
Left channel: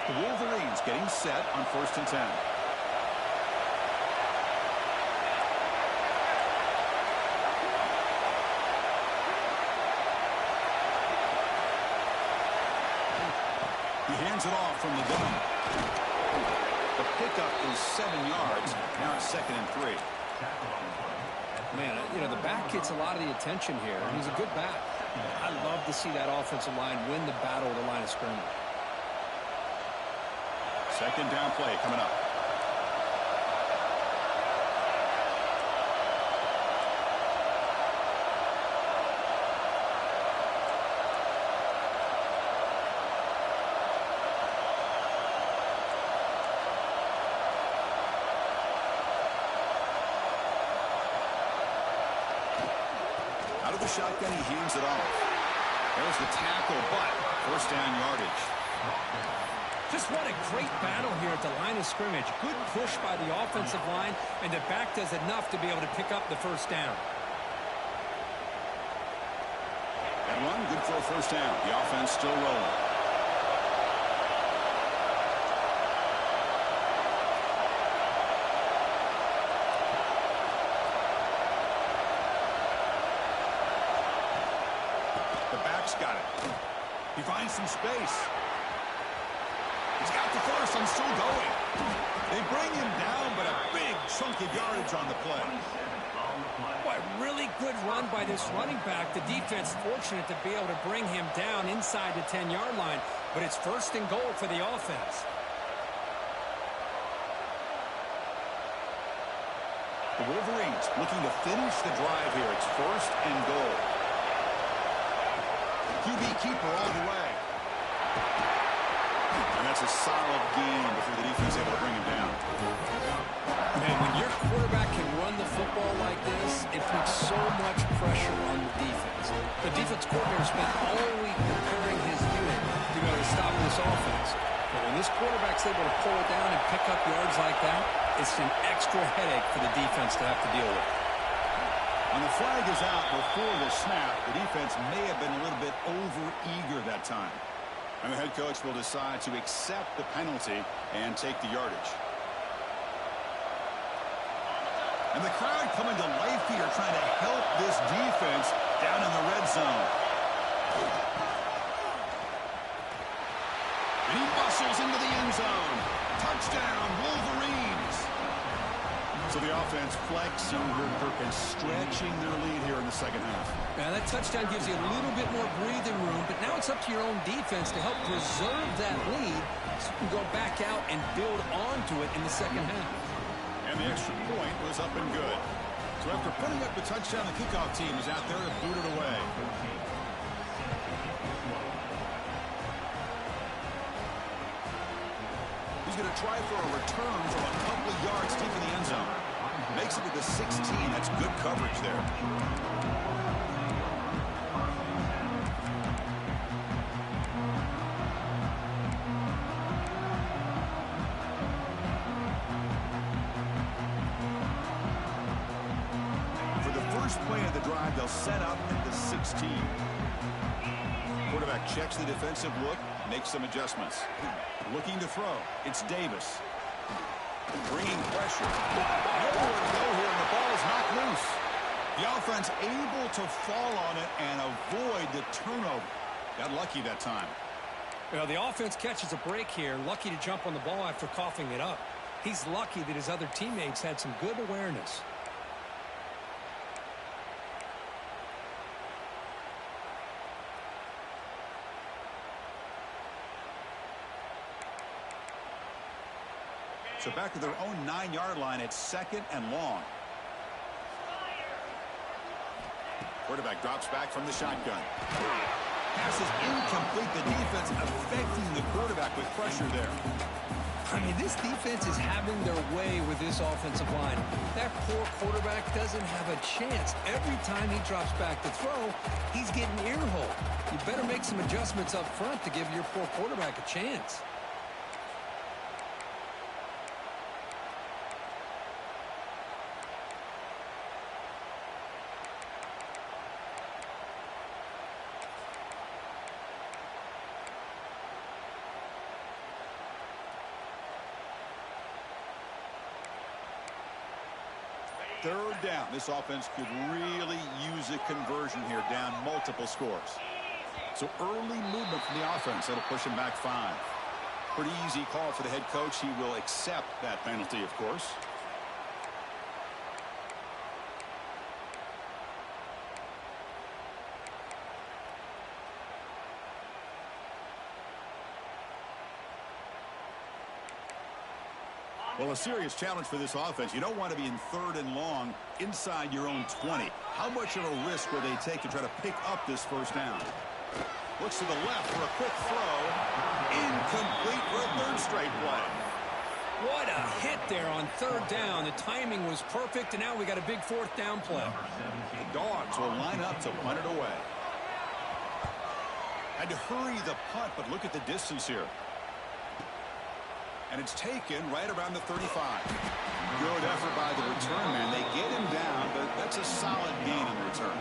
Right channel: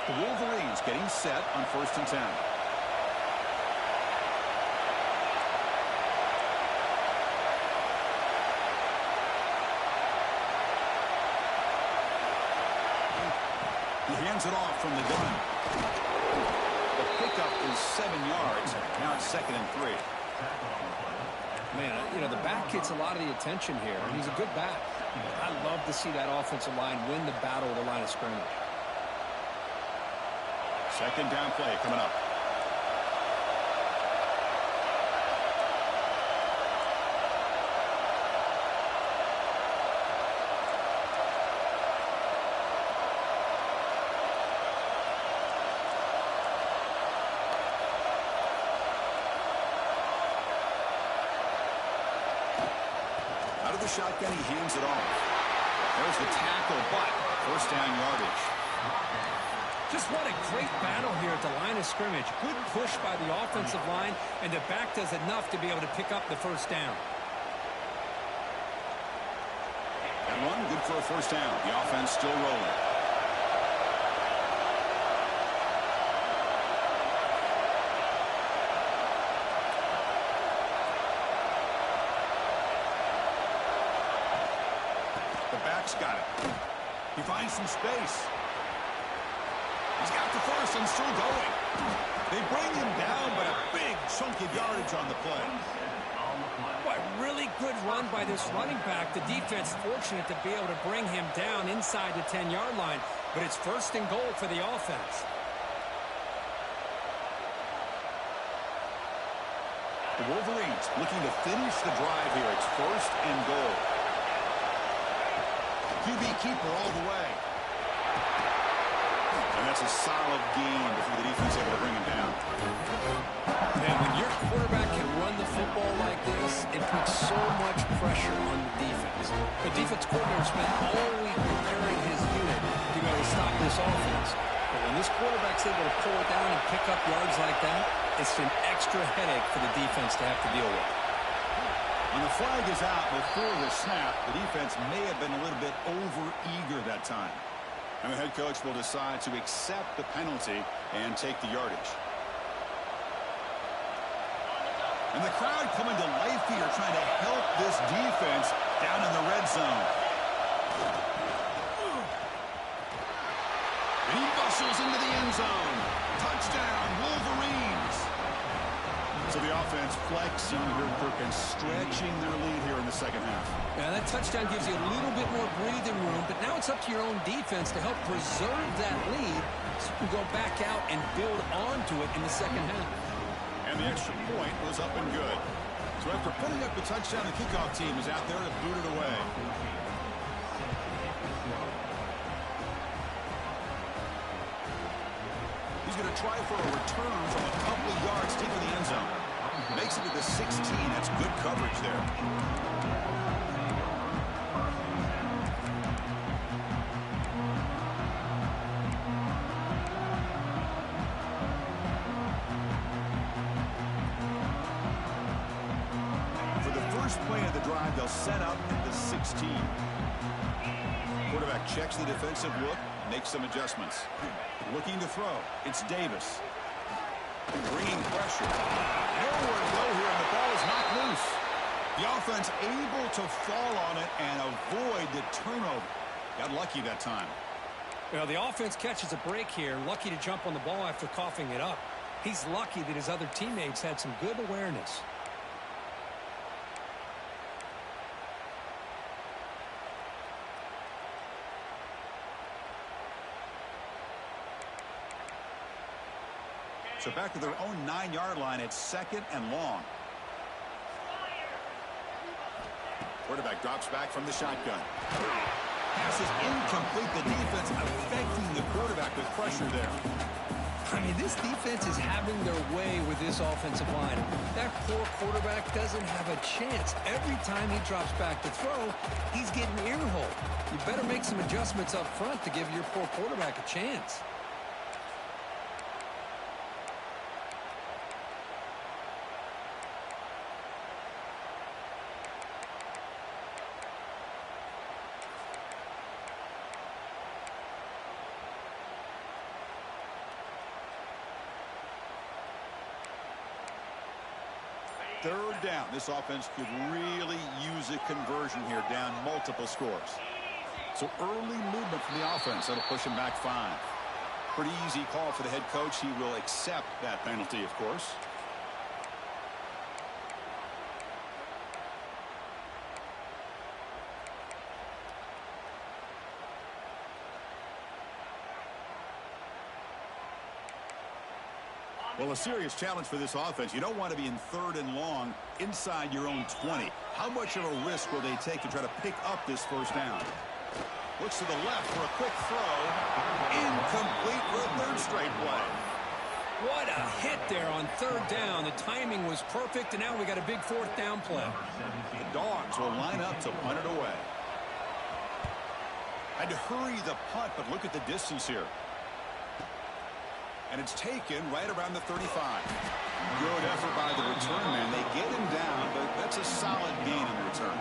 The Wolverines getting set on 1st and 10. He hands it off from the gun. The pickup is 7 yards. Now it's 2nd and 3. Man, you know, the back gets a lot of the attention here, and he's a good back. I love to see that offensive line win the battle at the line of scrimmage. 2nd down play coming up. Out of the shotgun, he hands it off. There's the tackle, but first down yardage. Just what a great battle here at the line of scrimmage. Good push by the offensive line, and the back does enough to be able to pick up the first down. That run, good for a first down. The offense still rolling. The back's got it. He finds some space. He's got the first and still going. They bring him down, but a big chunk of yardage on the play. Boy, really good run by this running back. The defense fortunate to be able to bring him down inside the 10-yard line, but it's 1st and goal for the offense. The Wolverines looking to finish the drive here. It's 1st and goal. QB keeper all the way. And that's a solid gain before the defense is able to bring him down. Man, when your quarterback can run the football like this, it puts so much pressure on the defense. The defense coordinator spent all week preparing his unit to be able to stop this offense. But when this quarterback's able to pull it down and pick up yards like that, it's an extra headache for the defense to have to deal with. When the flag is out before the snap, the defense may have been a little bit over-eager that time. And the head coach will decide to accept the penalty and take the yardage. And the crowd coming to life here, trying to help this defense down in the red zone. And he bustles into the end zone. Touchdown, Wolverines. So the offense flexing here, Kirk, and stretching their lead here in the second half. Now that touchdown gives you a little bit more breathing room, but now it's up to your own defense to help preserve that lead so you can go back out and build onto it in the second half. And the extra point was up and good. So after putting up the touchdown, the kickoff team is out there to boot it away. He's going to try for a return from a couple of yards deep in the end zone. Makes it to the 16. That's good coverage there. For the first play of the drive, they'll set up at the 16. Quarterback checks the defensive look, makes some adjustments. Looking to throw. It's Davis. Bringing pressure. Nowhere to go here, and the ball is knocked loose. The offense able to fall on it and avoid the turnover. Got lucky that time. You know, the offense catches a break here, lucky to jump on the ball after coughing it up. He's lucky that his other teammates had some good awareness. So back to their own 9-yard line at 2nd and long. Quarterback drops back from the shotgun. Pass is incomplete. The defense affecting the quarterback with pressure there. I mean, this defense is having their way with this offensive line. That poor quarterback doesn't have a chance. Every time he drops back to throw, he's getting ear-hole. You better make some adjustments up front to give your poor quarterback a chance. Third down. This offense could really use a conversion here, down multiple scores. So early movement from the offense. That'll push him back 5. Pretty easy call for the head coach. He will accept that penalty, of course. Well, a serious challenge for this offense. You don't want to be in 3rd and long inside your own 20. How much of a risk will they take to try to pick up this first down? Looks to the left for a quick throw. Incomplete for a 3rd straight play. What a hit there on 3rd down. The timing was perfect, and now we got a big 4th down play. The Dogs will line up to punt it away. Had to hurry the punt, but look at the distance here. And it's taken right around the 35. Good effort by the return man. They get him down, but that's a solid gain in the return.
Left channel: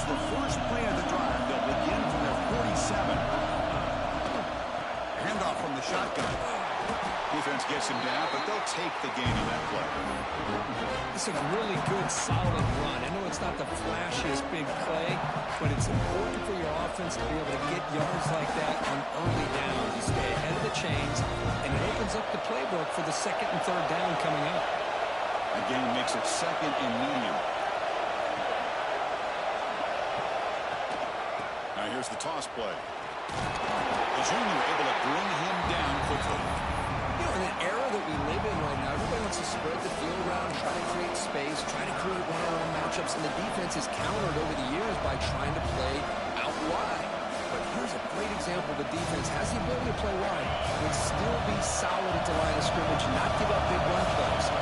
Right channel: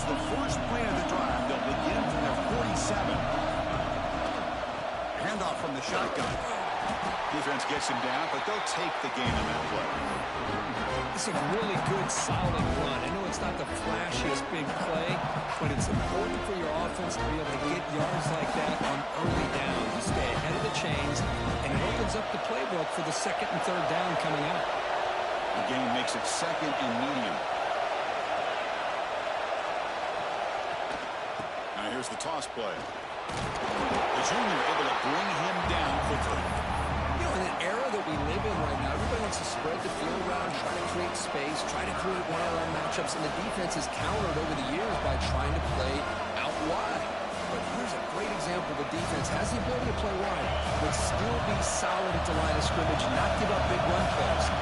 The first play of the drive. They'll begin from their 47. Handoff from the shotgun. Defense gets him down, but they'll take the gain on that play. It's a really good, solid run. I know it's not the flashiest big play, but it's important for your offense to be able to get yards like that on early downs. You stay ahead of the chains, and it opens up the playbook for the 2nd and 3rd down coming up. The gain makes it 2nd and medium. Now here's the toss play. The junior able to bring him down quickly. You know, in an era that we live in right now, everybody wants to spread the field around, try to create space, try to create one-on-one matchups, and the defense is countered over the years by trying to play out wide. But here's a great example. The defense has the ability to play wide, but still be solid at the line of scrimmage, not give up big run plays.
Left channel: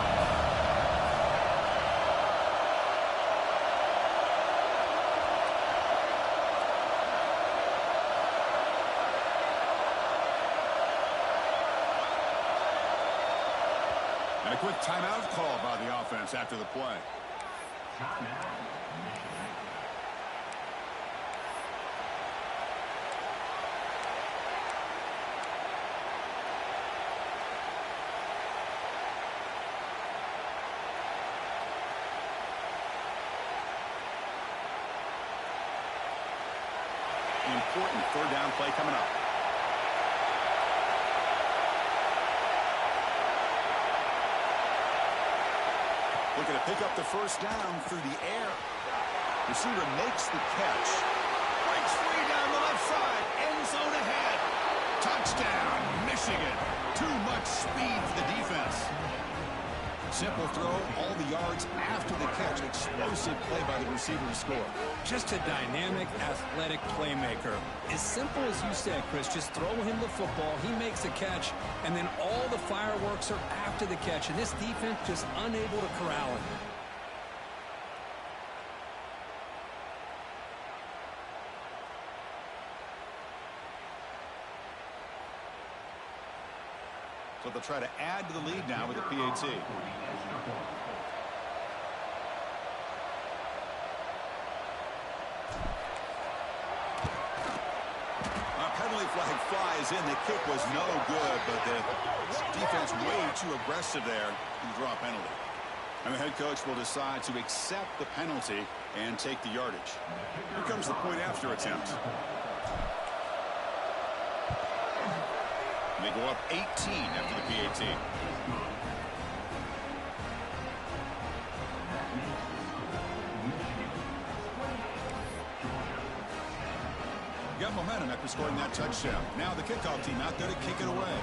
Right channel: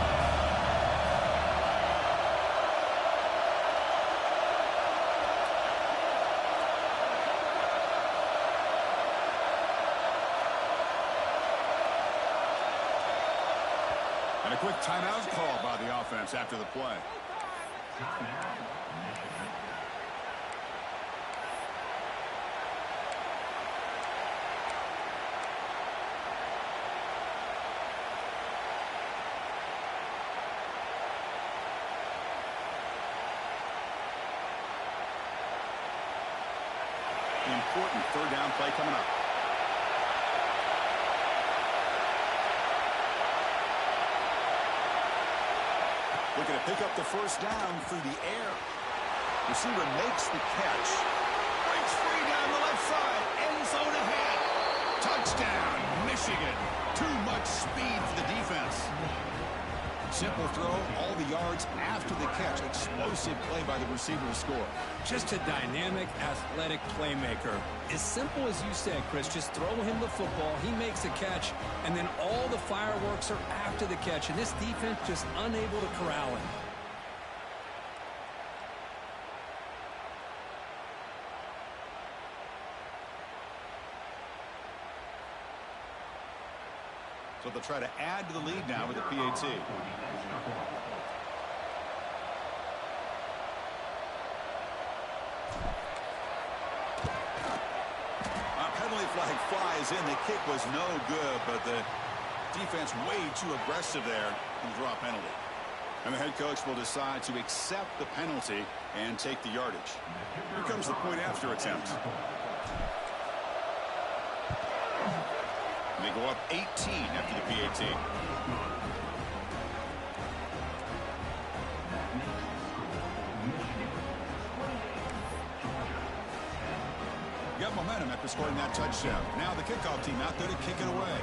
And a quick timeout call by the offense after the play. Important 3rd down play coming up. Looking to pick up the first down through the air. Receiver makes the catch. Breaks free down the left side. End zone ahead. Touchdown, Michigan. Too much speed for the defense. Simple throw, all the yards after the catch. Explosive play by the receiver to score. Just a dynamic, athletic playmaker. As simple as you said, Chris, just throw him the football, he makes a catch, and then all the fireworks are after the catch, and this defense just unable to corral him. So they'll try to add to the lead now with a PAT. Penalty flag flies in. The kick was no good, but the defense way too aggressive there and draw a penalty. And the head coach will decide to accept the penalty and take the yardage. Here comes the point after attempt. And they go up 18 after the PAT. Got momentum after scoring that touchdown. Now the kickoff team out there to kick it away.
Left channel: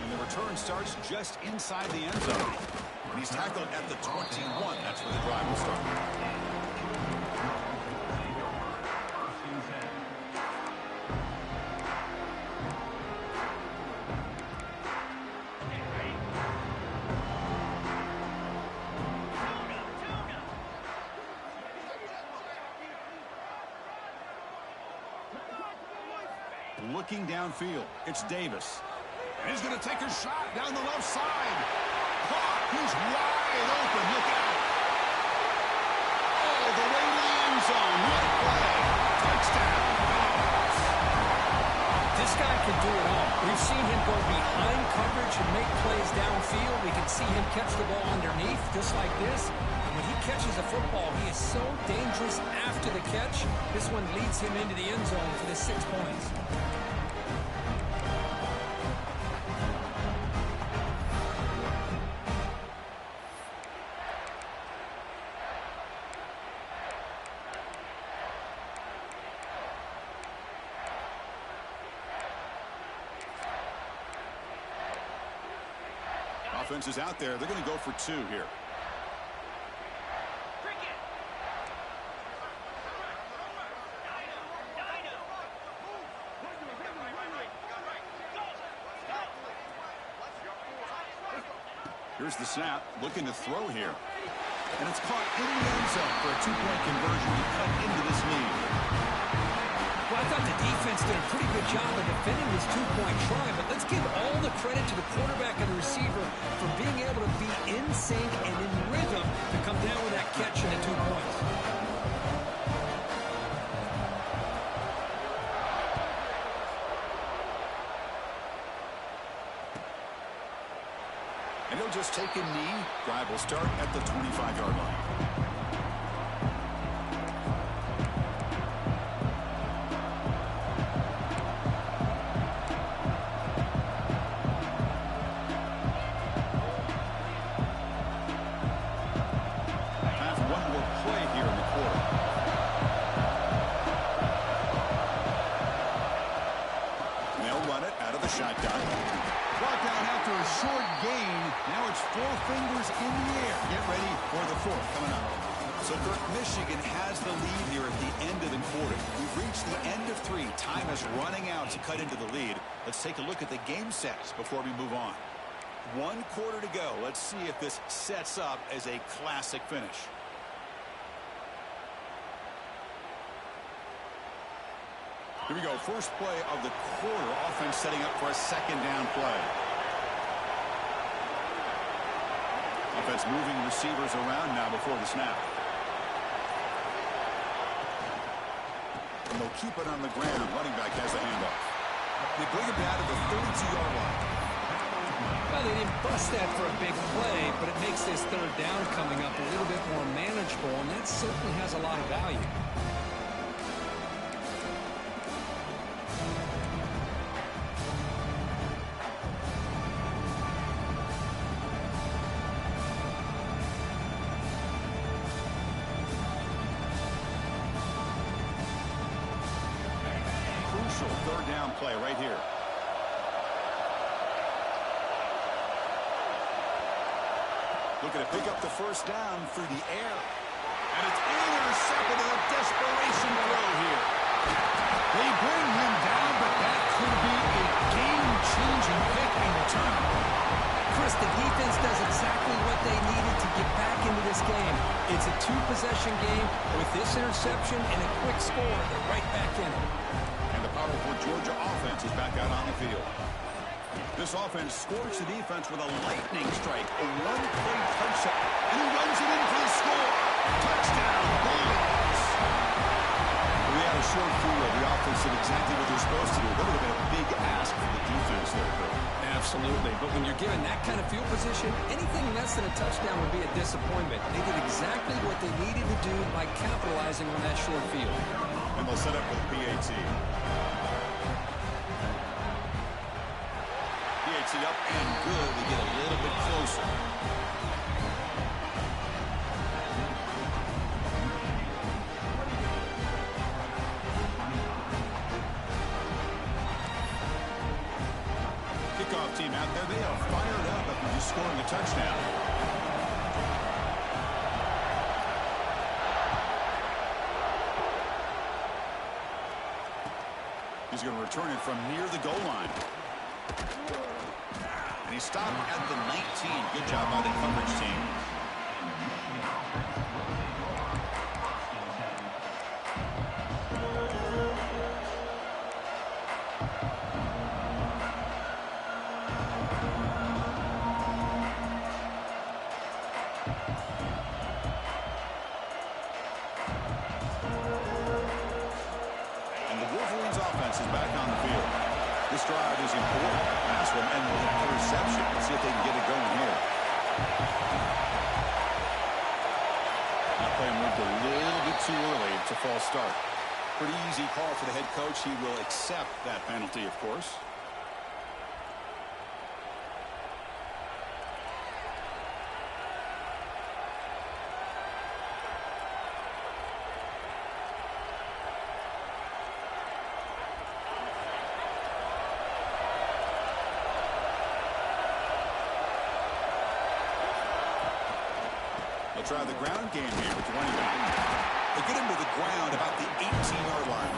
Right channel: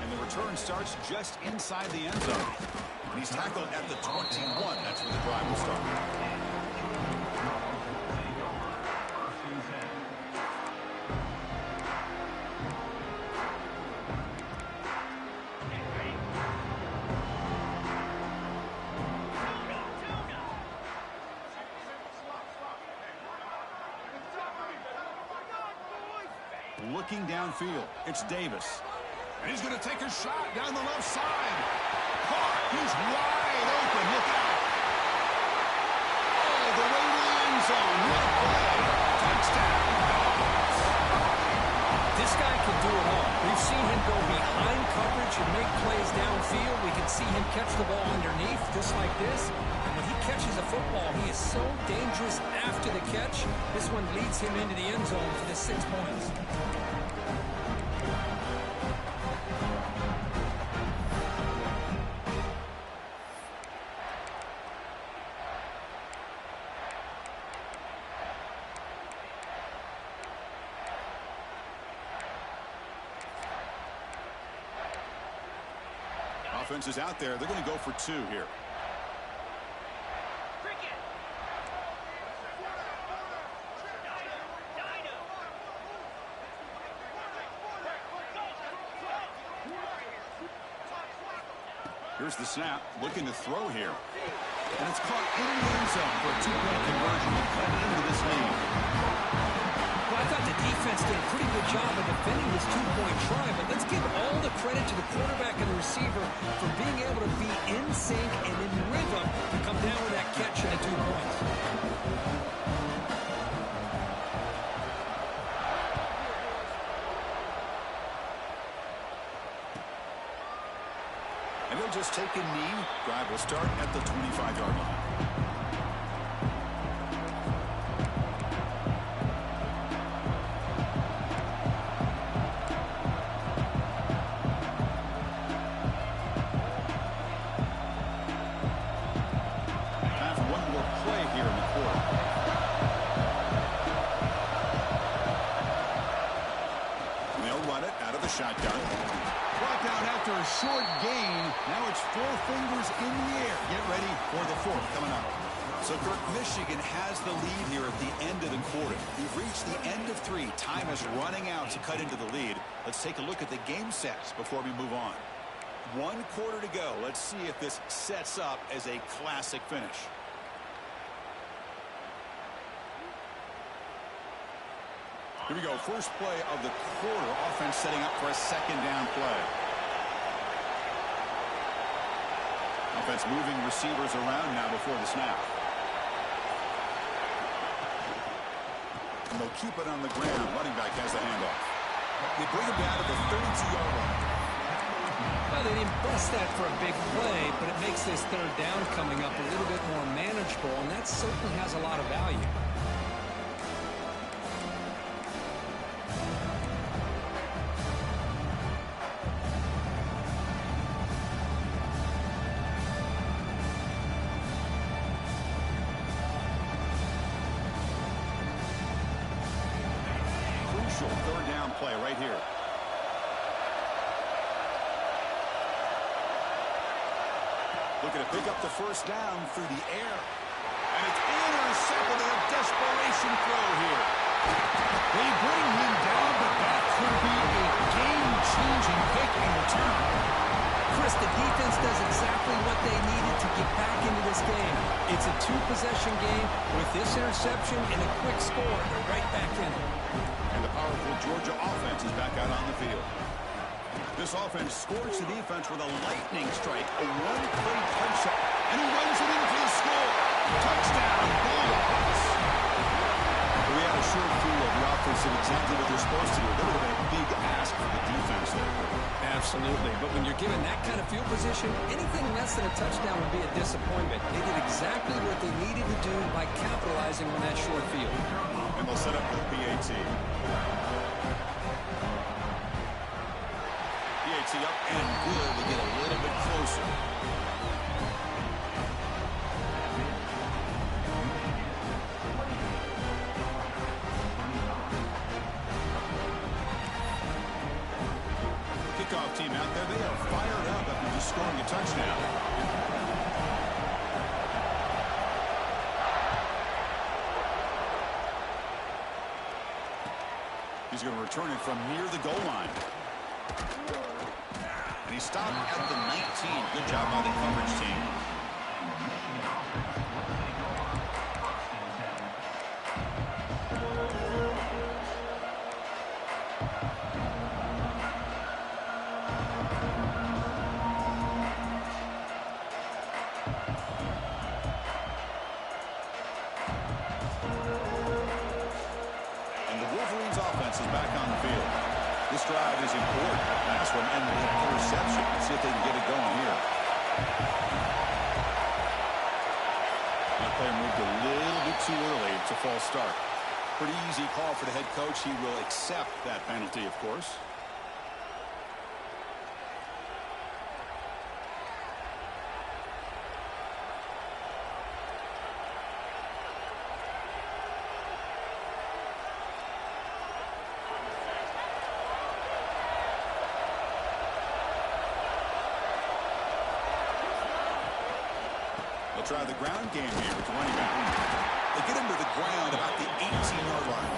And the return starts just inside the end zone. And he's tackled at the 21. That's where the drive will start. Looking downfield, it's Davis. And he's going to take a shot down the left side. Caught. He's wide open. Look out. All the way to the end zone. What a play. Touchdown, Dogs. This guy can do it all. We've seen him go behind coverage and make plays downfield. We can see him catch the ball underneath, just like this. And when he catches a football, he is so dangerous after the catch. This one leads him into the end zone for the 6 points. Offense is out there. They're going to go for 2 here. Here's the snap, looking to throw here. And it's caught in the end zone for a 2-point conversion to cut into this lead. Well, I thought the defense did a pretty good job of defending this 2-point try, but let's give all the credit to the quarterback and the receiver for being able to be in sync and in rhythm to come down with that catch and the 2 points. And he'll just take a knee. Drive will start at the 25-yard line. Shotgun. Brought down after a short gain. Now it's 4 fingers in the air. Get ready for the 4th coming up. So, Kirk, Michigan has the lead here at the end of the quarter. We've reached the end of 3. Time is running out to cut into the lead. Let's take a look at the game stats before we move on. 1 quarter to go. Let's see if this sets up as a classic finish. Here we go. First play of the quarter. Offense setting up for a 2nd down play. Offense moving receivers around now before the snap. And they'll keep it on the ground. Running back has the handoff. They bring him down to the 32-yard line. Well, they didn't bust that for a big play, but it makes this 3rd down coming up a little bit more manageable, and that certainly has a lot of value. Crucial 3rd down play right here. Looking to pick up the 1st down through the air. And it's intercepted in a desperation throw here. They bring him down, but that could be a game-changing pick in return. Chris, the defense does exactly what they needed to get back into this game. It's a 2-possession game. With this interception and a quick score, they're right back in it. And the powerful Georgia offense is back out on the field. This offense scores the defense with a lightning strike, a 1-play touchdown, and he runs it in for the score. Touchdown, Bulldogs. We we had a short field. The offense did exactly what they're supposed to do. That would have been a big ask for the defense there, Kurt. Absolutely. But when you're given that kind of field position, anything less than a touchdown would be a disappointment. They did exactly what they needed to do by capitalizing on that short field. And they'll set up for the PAT. PAT up and good. They get a little bit closer. Kickoff team out there. They are fired up after just scoring a touchdown. He's going to return it from near the goal line. And he stopped at the 19. Good job by the coverage team. Is back on the field. This drive is important. Last one ended with an interception. Let's see if they can get it going here. That player moved a little bit too early. It's a false start. Pretty easy call for the head coach. He will accept that penalty, of course. They'll try the ground game here with the running back. They get him to the ground about the 18-yard line.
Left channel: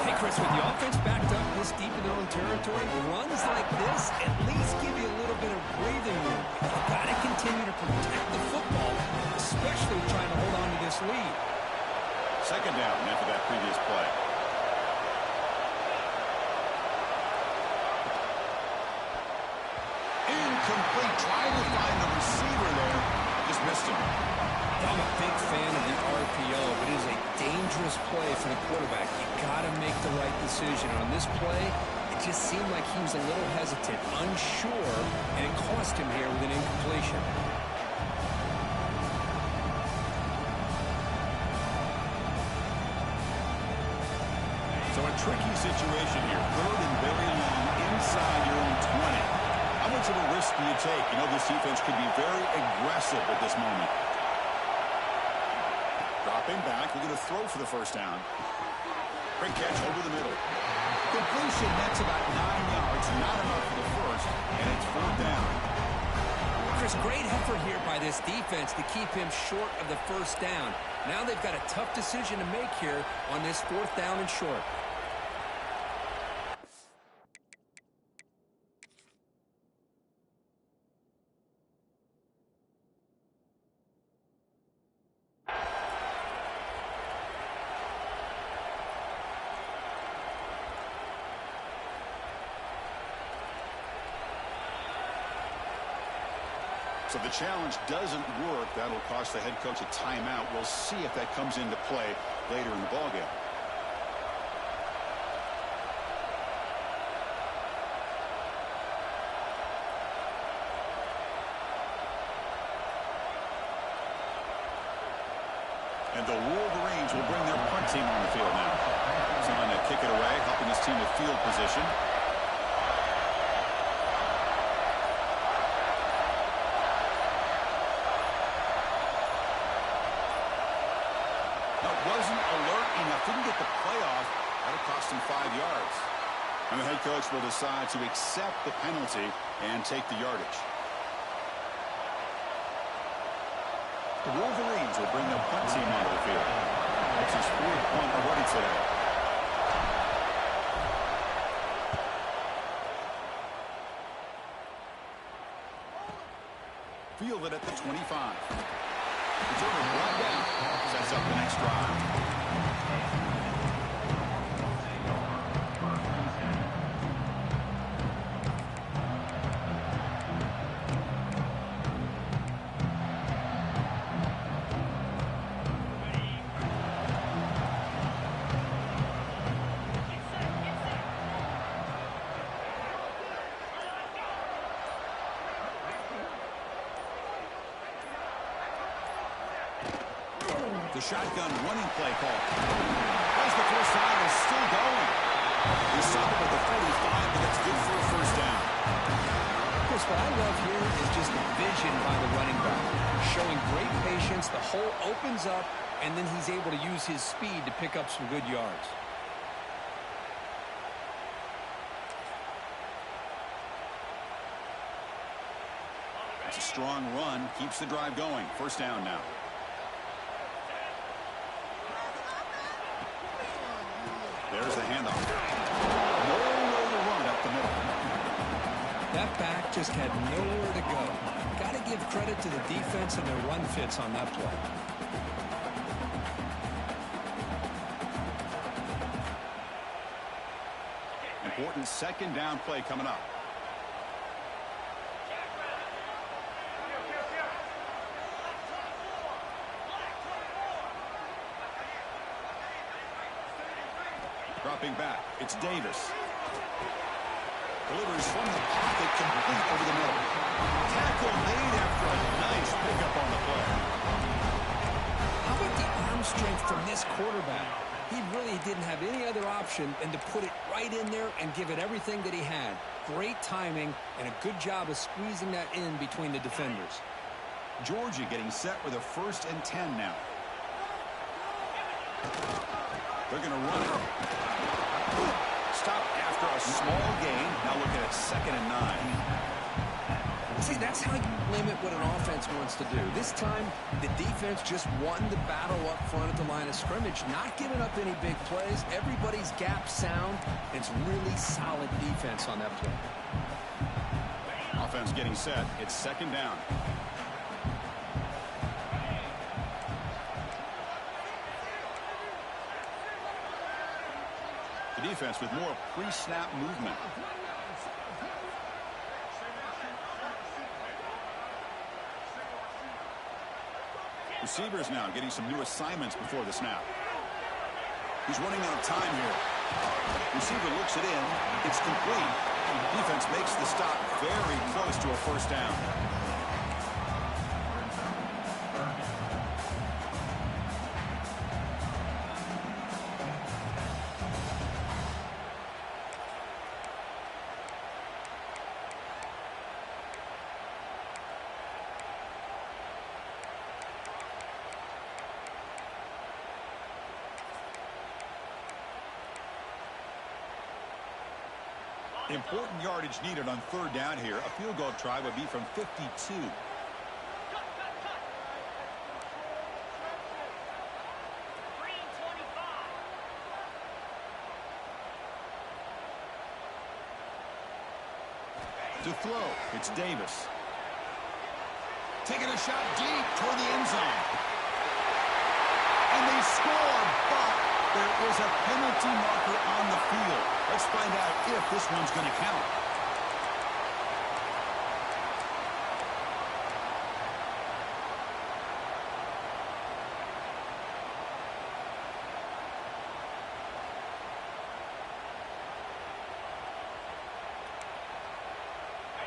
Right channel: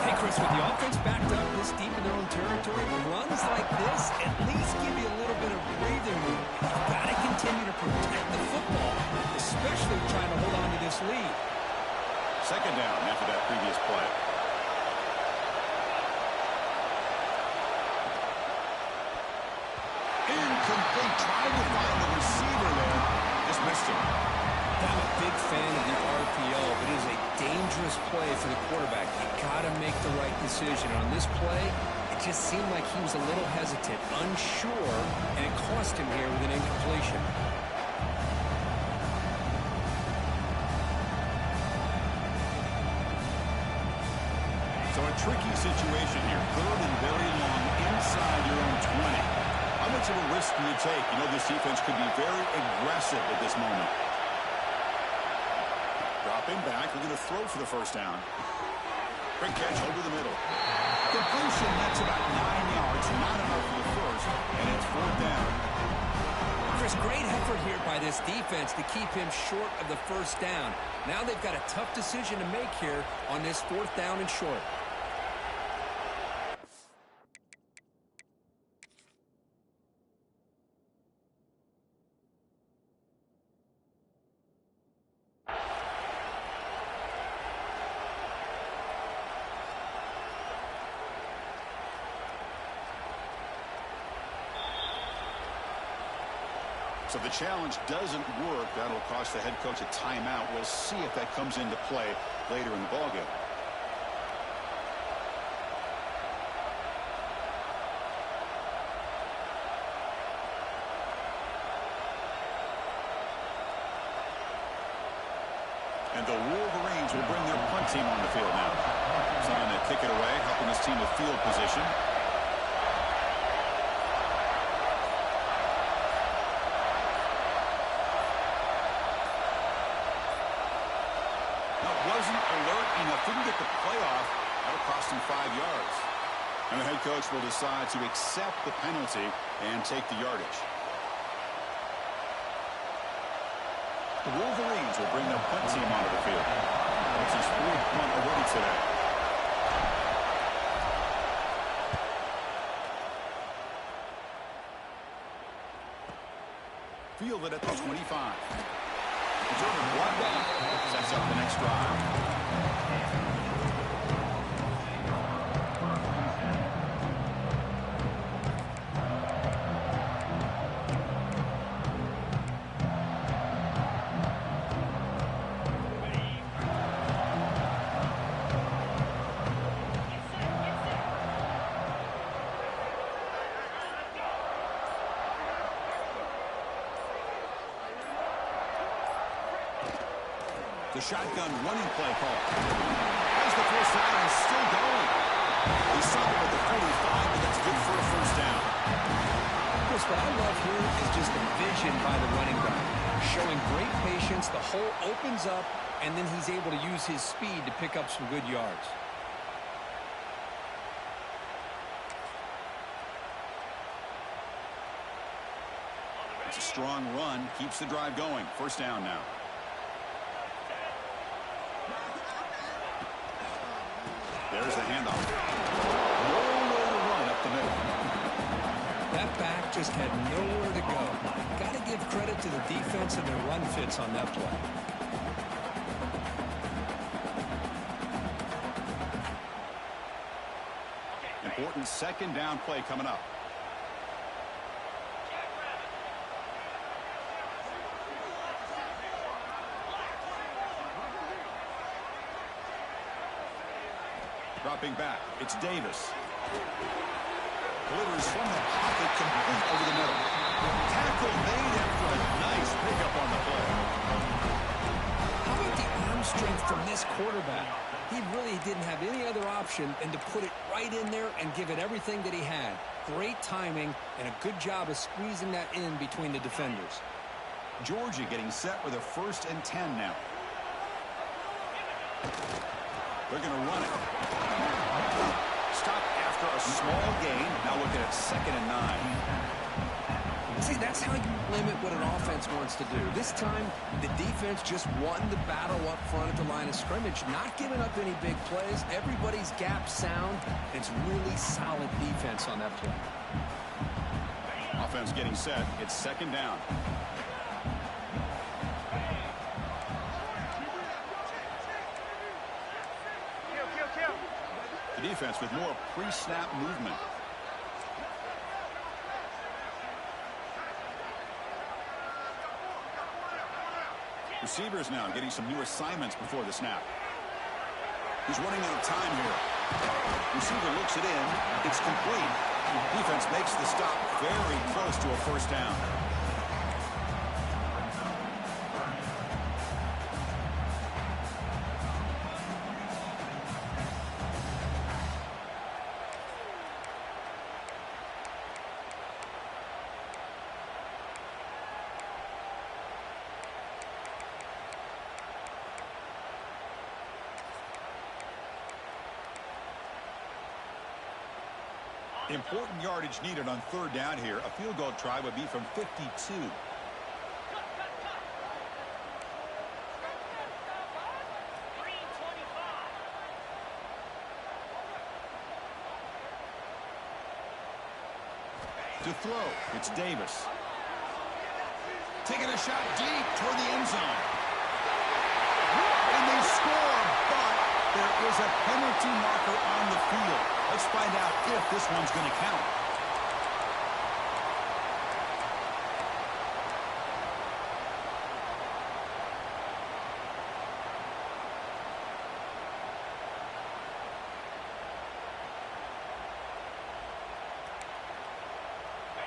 Hey, Chris, with the offense backed up this deep in their own territory, runs like this at least give you a little bit of breathing room. You've got to continue to protect the football, especially trying to hold on to this lead. Second down after that previous play. Incomplete. Trying to find the receiver there. Just missed him. I'm a big fan of the RPO, but it is a dangerous play for the quarterback. You got to make the right decision. On this play, it just seemed like he was a little hesitant, unsure, and it cost him here with an incompletion. So a tricky situation here. Third and very long inside your own 20. How much of a risk do you take? You know this defense could be very aggressive at this moment. Dropping back. We're going to throw for the first down. Great catch over the middle. Completion, that's about 9 yards. Not enough for the first, and it's fourth down. Chris, great effort here by this defense to keep him short of the first down. Now they've got a tough decision to make here on this fourth down and short. So the challenge doesn't work. That'll cost the head coach a timeout. We'll see if that comes into play later in the ballgame. And the Wolverines will bring their punt team on the field now. Someone to kick it away, helping his team with field position. Wasn't alert enough, didn't get the playoff. That'll cost him 5 yards. And the head coach will decide to accept the penalty and take the yardage. The Wolverines will bring their punt team onto the field. That's his fourth punt already today. Fielded at the 25. Returner brought down. Sets up the next drive. The shotgun running play call. As the first down is still going. He stopped at the 45, but that's good for a first down. Chris, what I love here is just the vision by the running back. Showing great patience, the hole opens up, and then he's able to use his speed to pick up some good yards. It's a strong run, keeps the drive going. First down now. There's the handoff. Nowhere to run up the middle. That back just had nowhere to go. Got to give credit to the defense and their run fits on that play. Important second down play coming up. Dropping back, it's Davis. Delivers from the pocket, complete over the middle. Tackle made after a nice pickup on the play. How about the arm strength from this quarterback? He really didn't have any other option than to put it right in there and give it everything that he had. Great timing and a good job of squeezing that in between the defenders. Georgia getting set with a 1st and 10 now. They're going to run it. Stop after a small gain. Now looking at 2nd and 9. See, that's how you limit what an offense wants to do. This time, the defense just won the battle up front at the line of scrimmage, not giving up any big plays. Everybody's gap sound. It's really solid defense on that play. Offense getting set. It's 2nd down. The defense with more pre-snap movement. Receivers now getting some new assignments before the snap. He's running out of time here. Receiver looks it in. It's complete. Defense makes the stop very close to a first down. Important yardage needed on 3rd down here. A field goal try would be from 52. To throw, it's Davis. Taking a shot deep toward the end zone. And they score, but there is a penalty marker on the field. Let's find out if this one's going to count.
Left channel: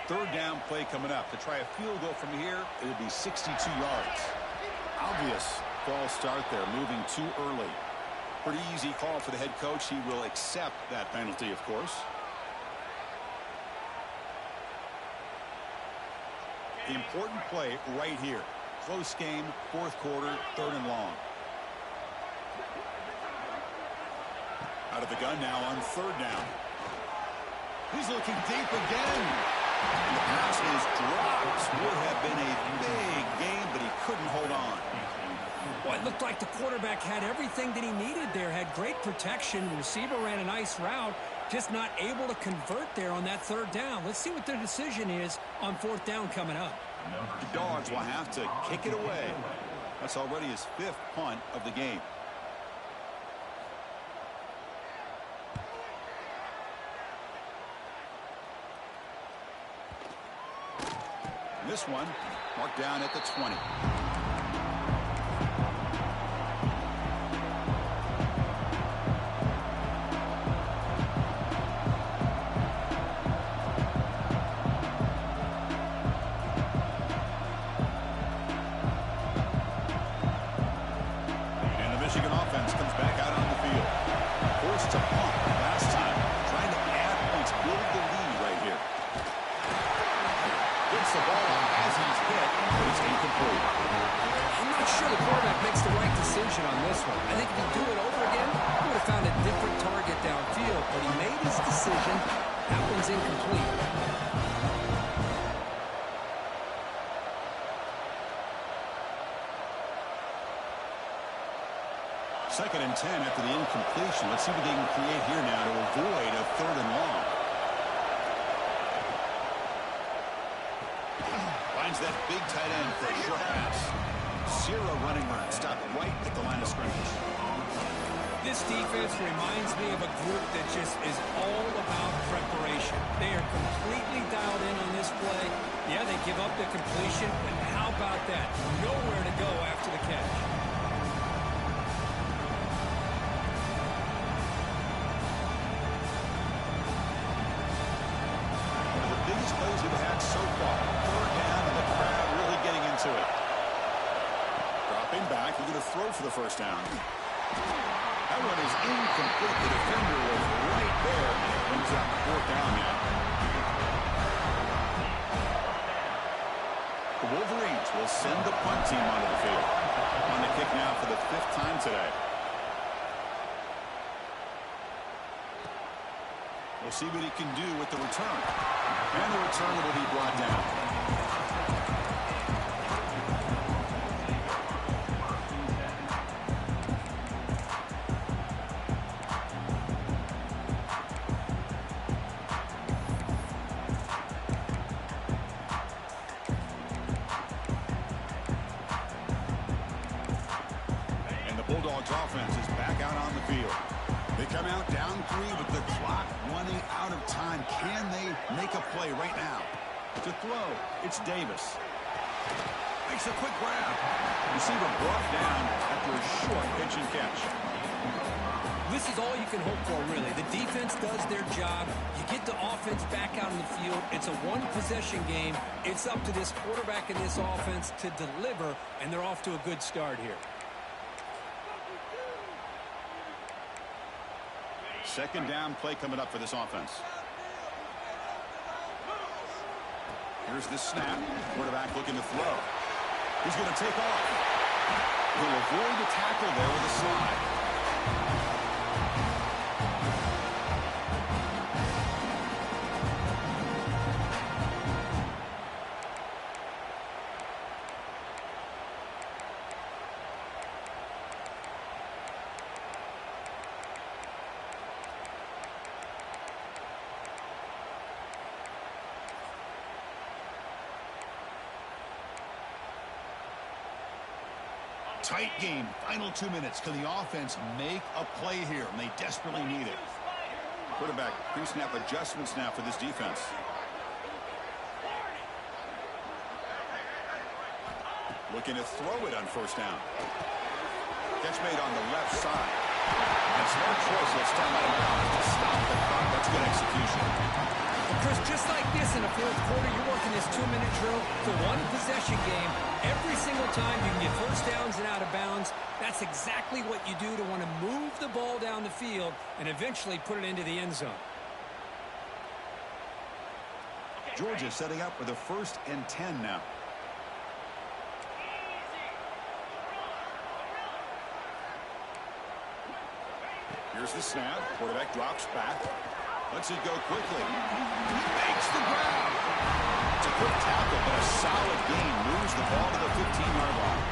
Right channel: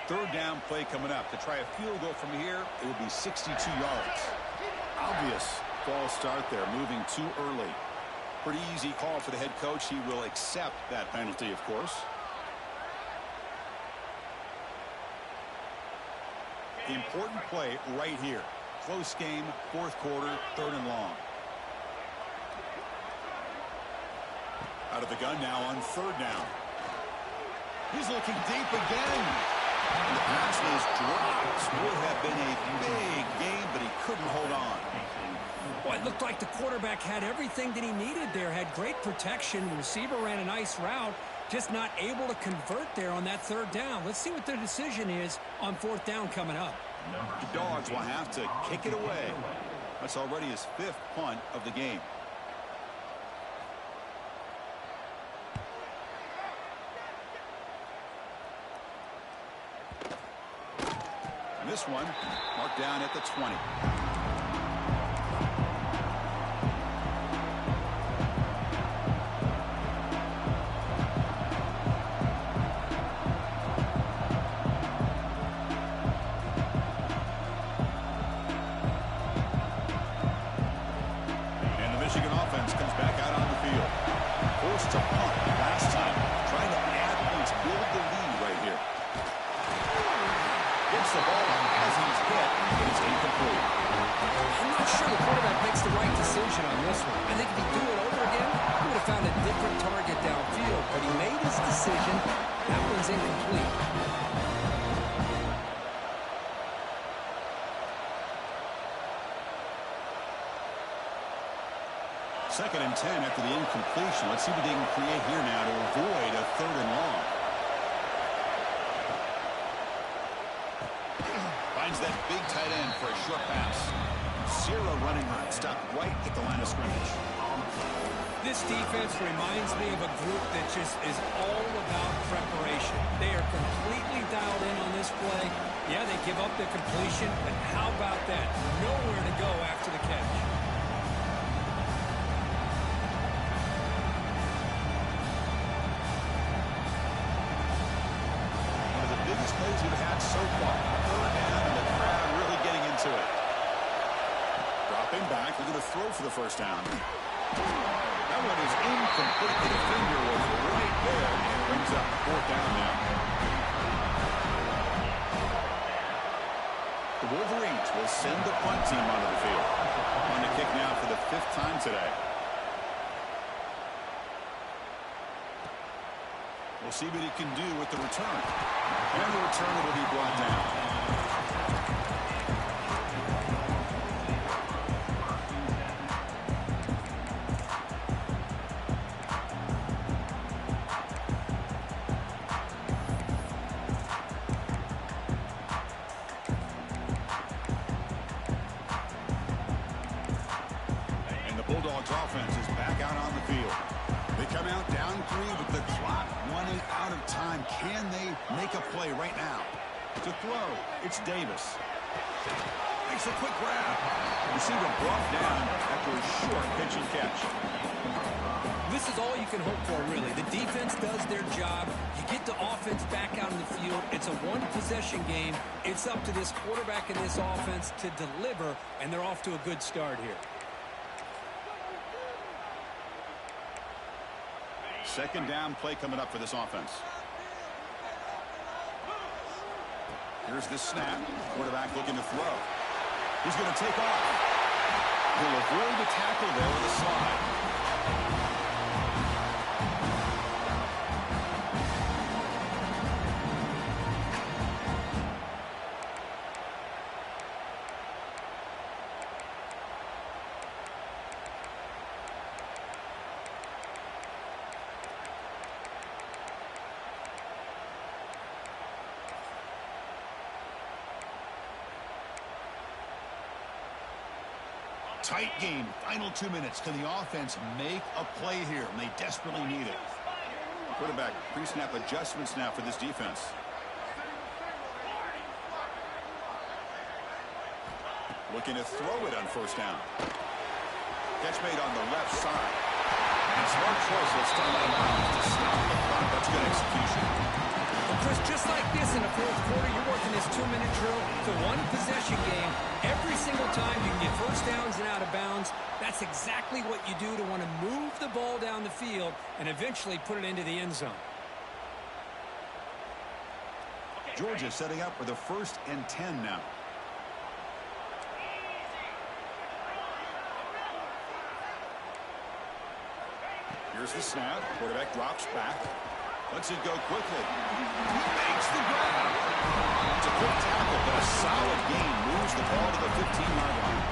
Third down play coming up. To try a field goal from here, it will be 62 yards. Obvious false start there, moving too early. Pretty easy call for the head coach. He will accept that penalty, of course. Important play right here. Close game, 4th quarter, 3rd and long. Out of the gun now on 3rd down. He's looking deep again. And the pass is dropped. Would have been a big game, but he couldn't hold on. Boy, it looked like the quarterback had everything that he needed there. Had great protection. The receiver ran a nice route. Just not able to convert there on that 3rd down. Let's see what their decision is on 4th down coming up. The Dogs will have to kick it away. That's already his 5th punt of the game. And this one marked down at the 20. Gets the ball up as he's hit, but it's incomplete. I'm not sure the quarterback makes the right decision on this one. I think if he'd do it over again, he would have found a different target downfield, but he made his decision. That one's incomplete. Second and 10 after the incompletion. Let's see what they can create here now to avoid a 3rd and long. Finds that big tight end for a short pass. 0 running room. Stopped right at the line of scrimmage. This defense reminds me of a group that just is all about preparation. They are completely dialed in on this play. Yeah, they give up the completion, but how about that? Nowhere to go after the catch. Biggest plays we've had so far. 3rd down, and the crowd really getting into it. Dropping back, looking to throw for the 1st down. That one is incomplete. The defender was right there, and it brings up 4th down now. The Wolverines will send the punt team onto the field. On the kick now for the 5th time today. We'll see what he can do with the return. And the return will be brought down. And the Bulldogs offense is back out on the field. They come out down 3 with the clock running out of time. Can they make a play right now? To throw, it's Davis. Makes a quick grab. Receiver brought down after a short pitch and catch. This is all you can hope for, really. The defense does their job. You get the offense back out in the field. It's a one-possession game. It's up to this quarterback and this offense to deliver, and they're off to a good start here. 2nd down play coming up for this offense. Here's the snap. Quarterback looking to throw. He's going to take off. He'll avoid the tackle there with a slide. Tight game. Final 2 minutes. Can the offense make a play here? And they desperately need it. Quarterback pre-snap adjustments now for this defense. Looking to throw it on 1st down. Catch made on the left side. And smart choice. He'll step out of bounds to stop the clock. That's good execution. Well, Chris, just like this in the 4th quarter, you're working this 2-minute drill. It's a one-possession game. Every single time you can get 1st downs and out of bounds. That's exactly what you do to want to move the ball down the field and eventually put it into the end zone. Georgia setting up for the 1st and 10 now. Here's the snap. Quarterback drops back. Lets it go quickly. He makes the grab. It's a quick tackle, but a solid gain. Moves the ball to the 15-yard line.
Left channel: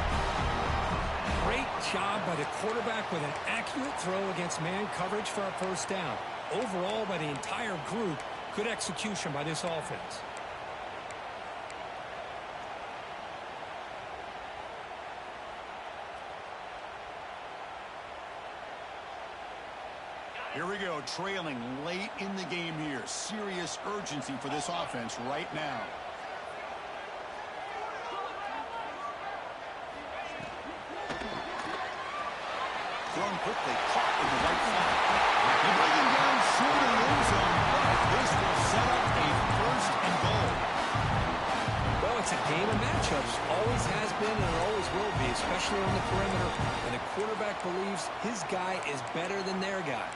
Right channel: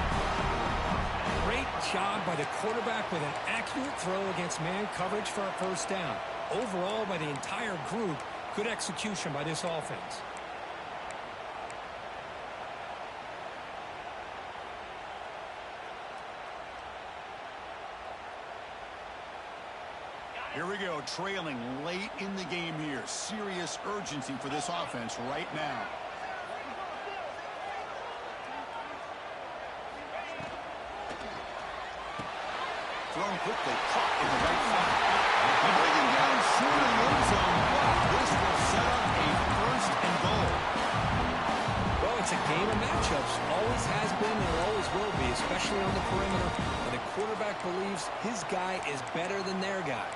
Great job by the quarterback with an accurate throw against man coverage for a 1st down. Overall, by the entire group, good execution by this offense. Here we go, trailing late in the game here. Serious urgency for this offense right now. Thrown quickly, caught in the right flat. They bring him down short of the end zone, but this will set up a 1st and goal. Well, it's a game of matchups. Always has been and it always will be, especially on the perimeter. And the quarterback believes his guy is better than their guy.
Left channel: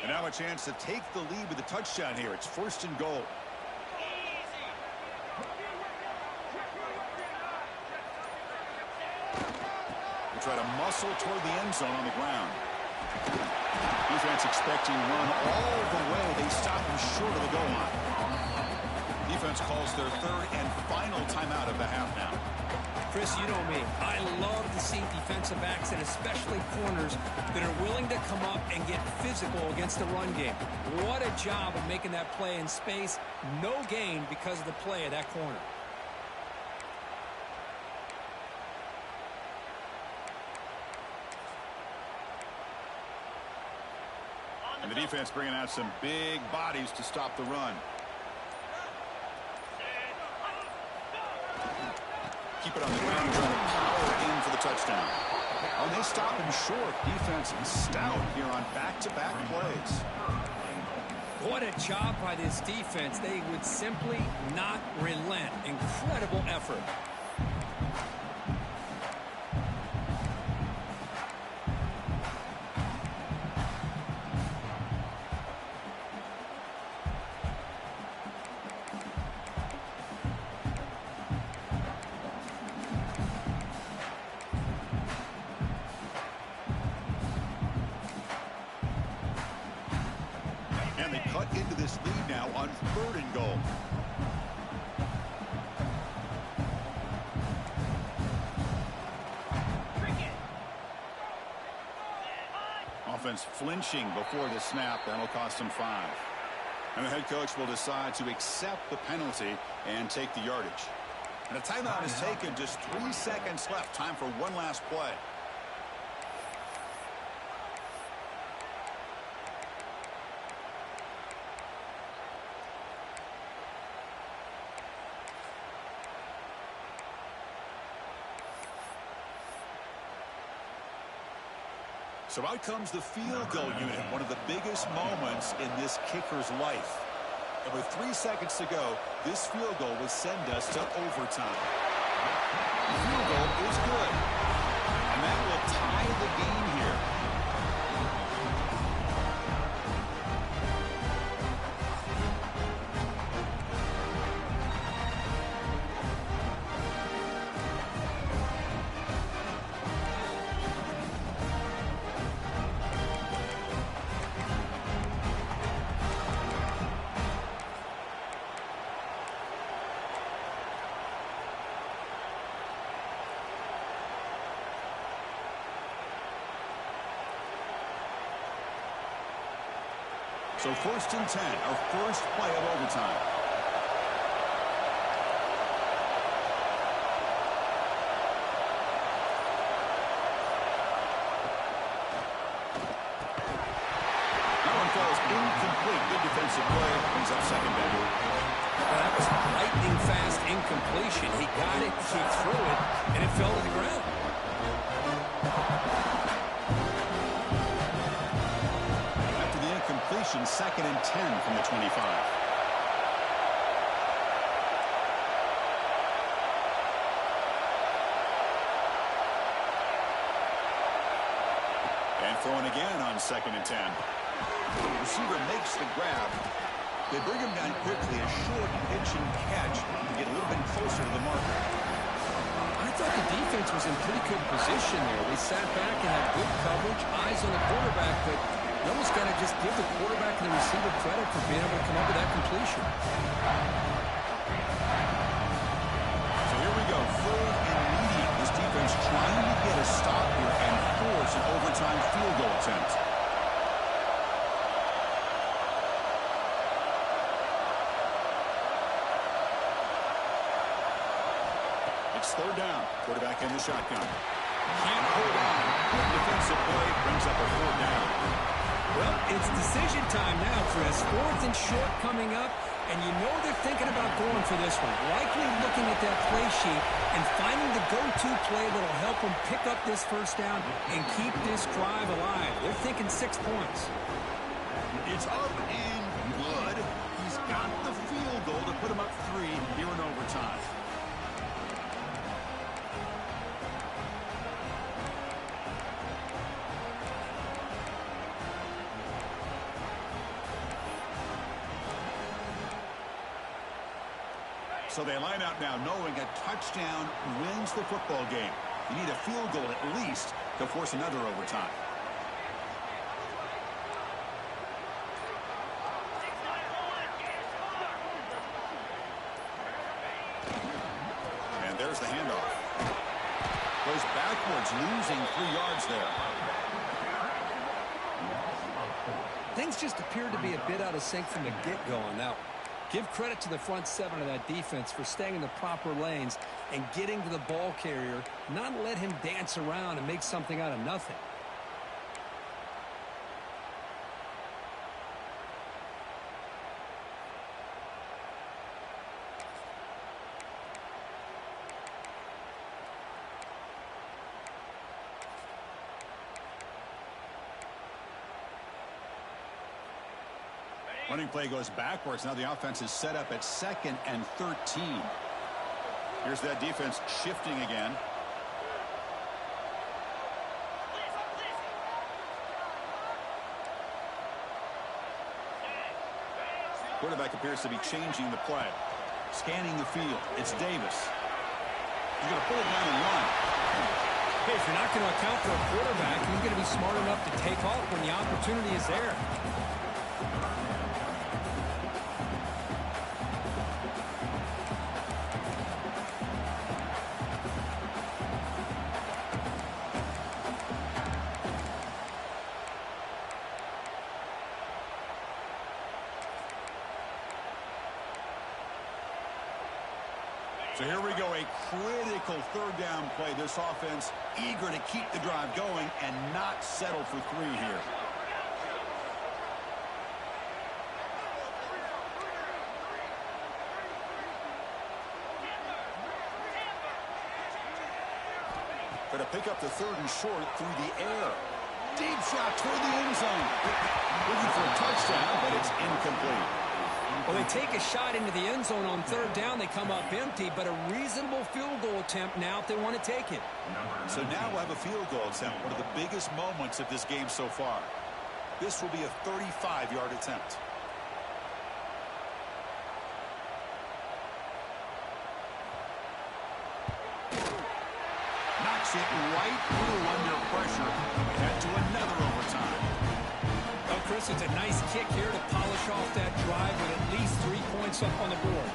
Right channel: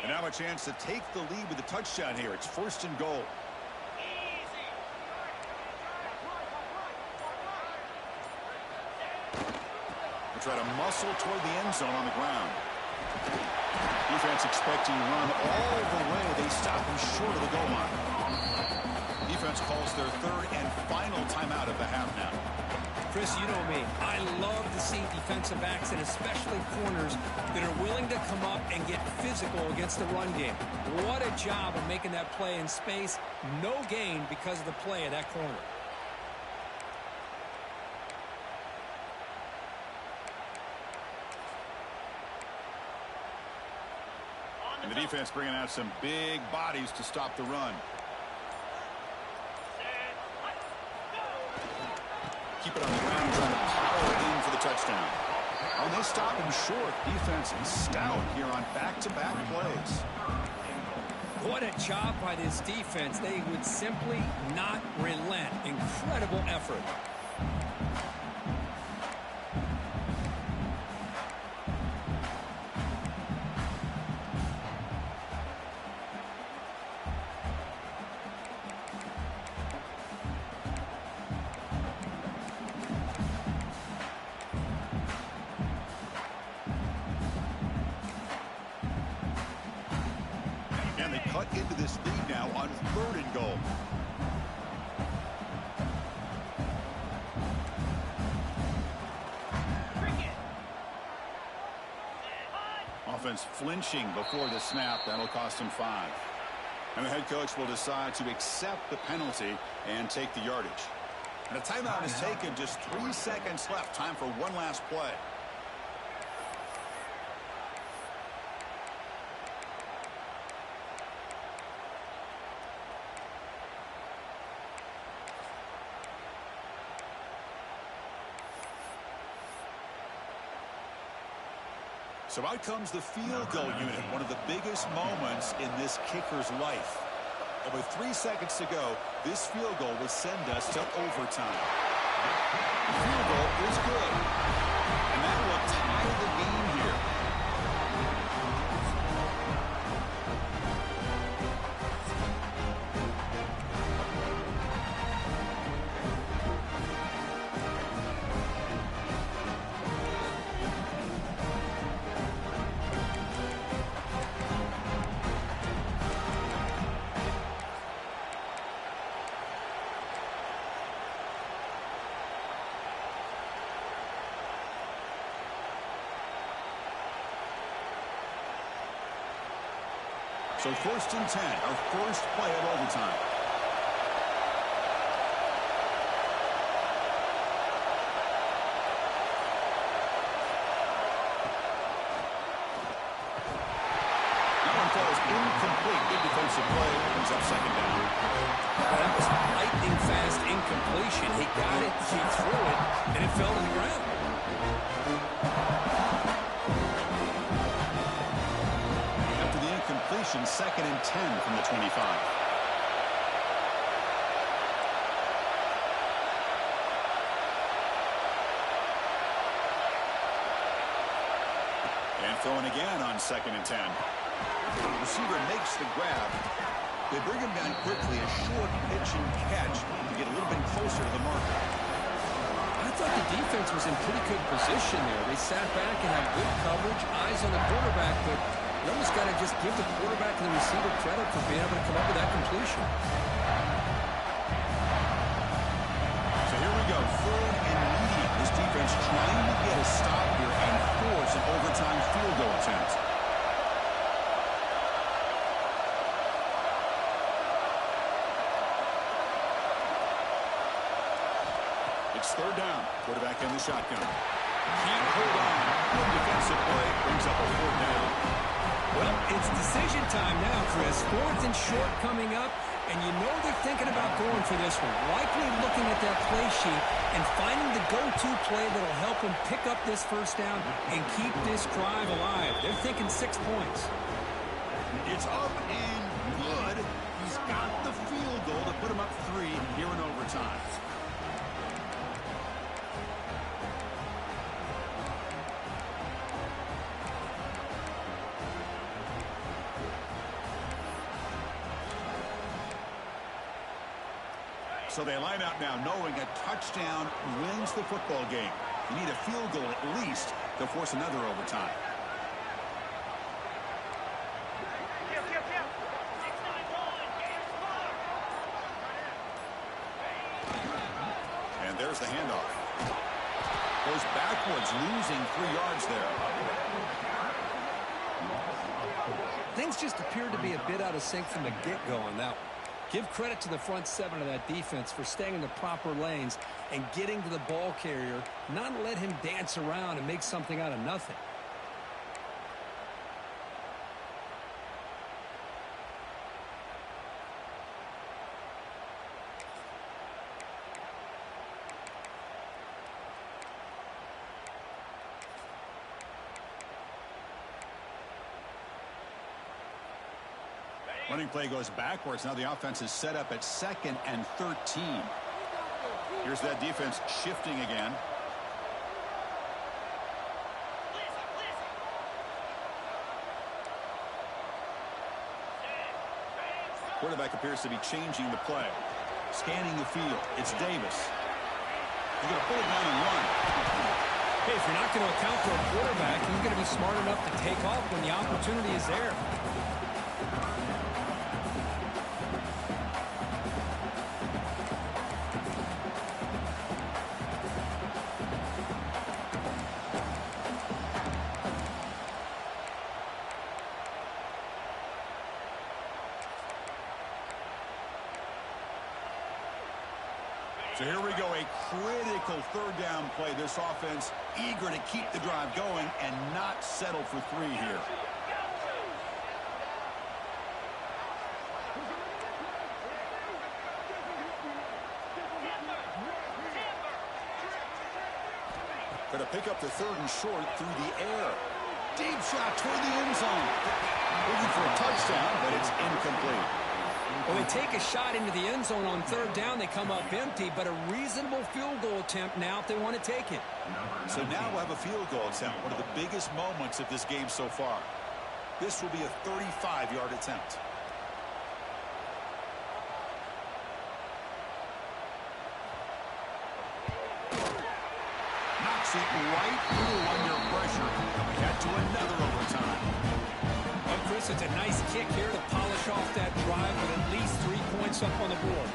And now a chance to take the lead with a touchdown here. It's 1st and goal. We'll try to muscle toward the end zone on the ground. Defense expecting run all the way. They stop him short of the goal line. Defense calls their 3rd and final timeout of the half now. Chris, you know me. I love to see defensive backs and especially corners that are willing to come up and get physical against the run game. What a job of making that play in space. No gain because of the play of that corner. And the defense bringing out some big bodies to stop the run. Keep it on the ground, trying to power in for the touchdown. Oh, and they stop him short. Defense is stout here on back-to-back plays. What a job by this defense. They would simply not relent. Incredible effort. And they cut into this lead now on 3rd and goal. Offense flinching before the snap. That'll cost them 5. And the head coach will decide to accept the penalty and take the yardage. And a timeout is taken. Just 3 seconds left. Time for one last play. So out comes the field goal unit, one of the biggest moments in this kicker's life. And with 3 seconds to go, this field goal will send us to overtime. The field goal is good. And that will tie the game here. So 1st and 10, our first play of overtime. That one falls incomplete. Good defensive play. Brings up 2nd down. Well, that was a lightning fast incompletion. He got it, he threw it, and it fell to the ground. Completion, 2nd and 10 from the 25. And throwing again on 2nd and 10. Receiver makes the grab. They bring him down quickly, a short pitch and catch to get a little bit closer to the marker. I thought the defense was in pretty good position there. They sat back and had good coverage, eyes on the quarterback, but you almost got to just give the quarterback and the receiver credit for being able to come up with that completion. So here we go, 3rd and medium. This defense trying to get a stop here and force an overtime field goal attempt. It's 3rd down. Quarterback in the shotgun. Can't hold on. Good defensive play. Brings up a 4th down. Well, it's decision time now, Chris. 4th and short coming up, and you know they're thinking about going for this one. Likely looking at that play sheet and finding the go-to play that'll help them pick up this 1st down and keep this drive alive. They're thinking 6 points. It's up and good. He's got the field goal to put him up 3 here in overtime. So they line out now knowing a touchdown wins the football game. You need a field goal at least to force another overtime. And there's the handoff. Goes backwards, losing 3 yards there. Things just appeared to be a bit out of sync from the get-go on that one. Give credit to the front 7 of that defense for staying in the proper lanes and getting to the ball carrier, not let him dance around and make something out of nothing. Running play goes backwards. Now the offense is set up at 2nd and 13. Here's that defense shifting again. Quarterback appears to be changing the play. Scanning the field. It's Davis. He's going to pull it down and run. Hey, if you're not going to account for a quarterback, he's going to be smart enough to take off when the opportunity is there. So here we go, a critical 3rd down play. This offense eager to keep the drive going and not settle for 3 here. Going to pick up the 3rd and short through the air. Deep shot toward the end zone. Looking for a touchdown, but it's incomplete. Well, they take a shot into the end zone on 3rd down. They come up empty, but a reasonable field goal attempt now if they want to take it. So now we'll have a field goal attempt, one of the biggest moments of this game so far. This will be a 35-yard attempt. Knocks it right through under pressure, and we head to another overtime. Well, Chris, it's a nice kick here to polish off that drive with at least 3 points up on the board.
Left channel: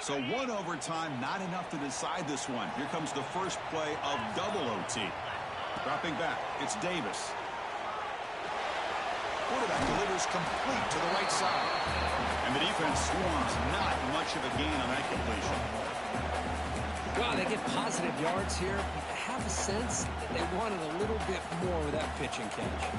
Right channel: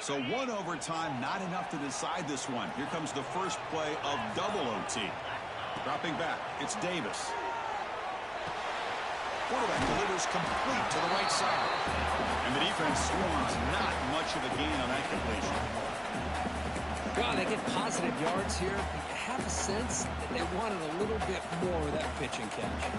So 1 overtime, not enough to decide this one. Here comes the first play of double OT. Dropping back, it's Davis. Quarterback delivers complete to the right side. And the defense swarms, not much of a gain on that completion. God, they get positive yards here. You have a sense that they wanted a little bit more with that pitch and catch.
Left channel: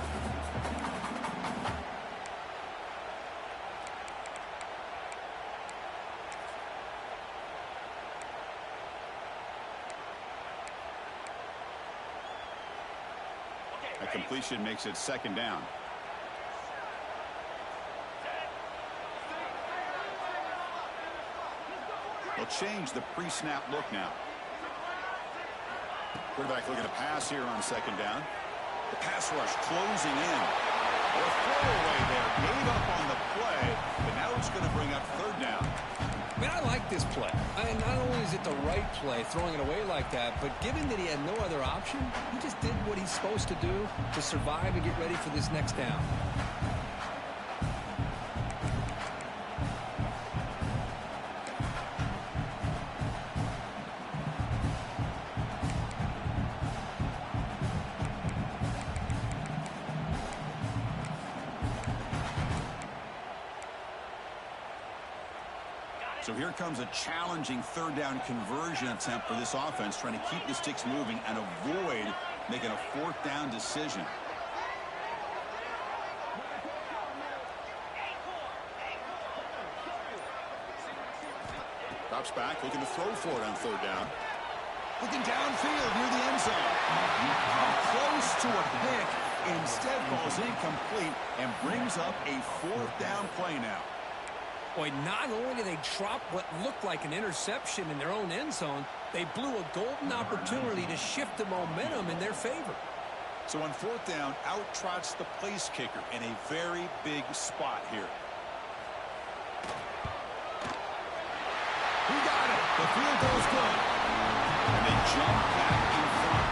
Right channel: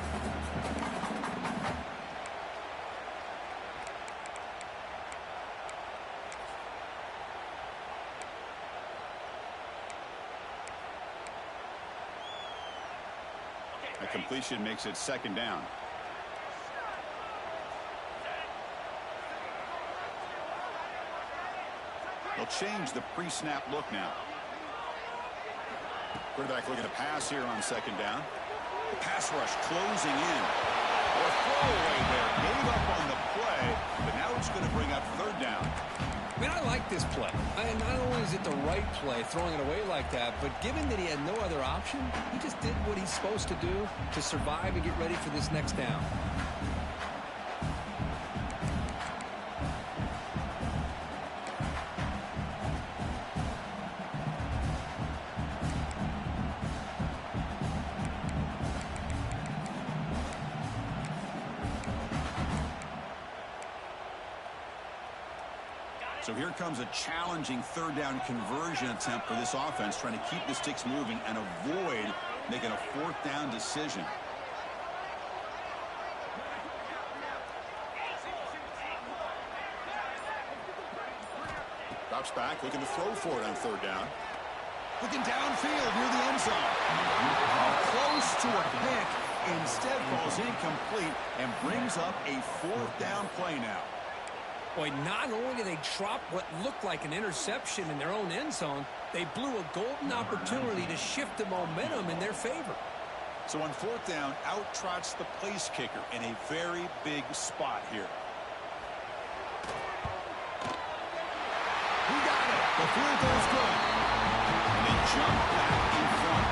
A completion makes it 2nd down. They'll change the pre-snap look now. Quarterback looking to pass here on 2nd down. The pass rush closing in. Or throwaway there. Gave up on the play, but now it's going to bring up 3rd down. I mean, I like this play. Not only is it the right play, throwing it away like that, but given that he had no other option, he just did what he's supposed to do to survive and get ready for this next down. So here comes a challenging 3rd down conversion attempt for this offense, trying to keep the sticks moving and avoid making a 4th down decision. Drops back, looking to throw for it on 3rd down. Looking downfield near the end zone. Close to a pick. Instead falls incomplete and brings up a 4th down play now. Boy, not only did they drop what looked like an interception in their own end zone, they blew a golden opportunity to shift the momentum in their favor. So on 4th down, out trots the place kicker in a very big spot here. He got it. The field goal's good. And they jump back in front.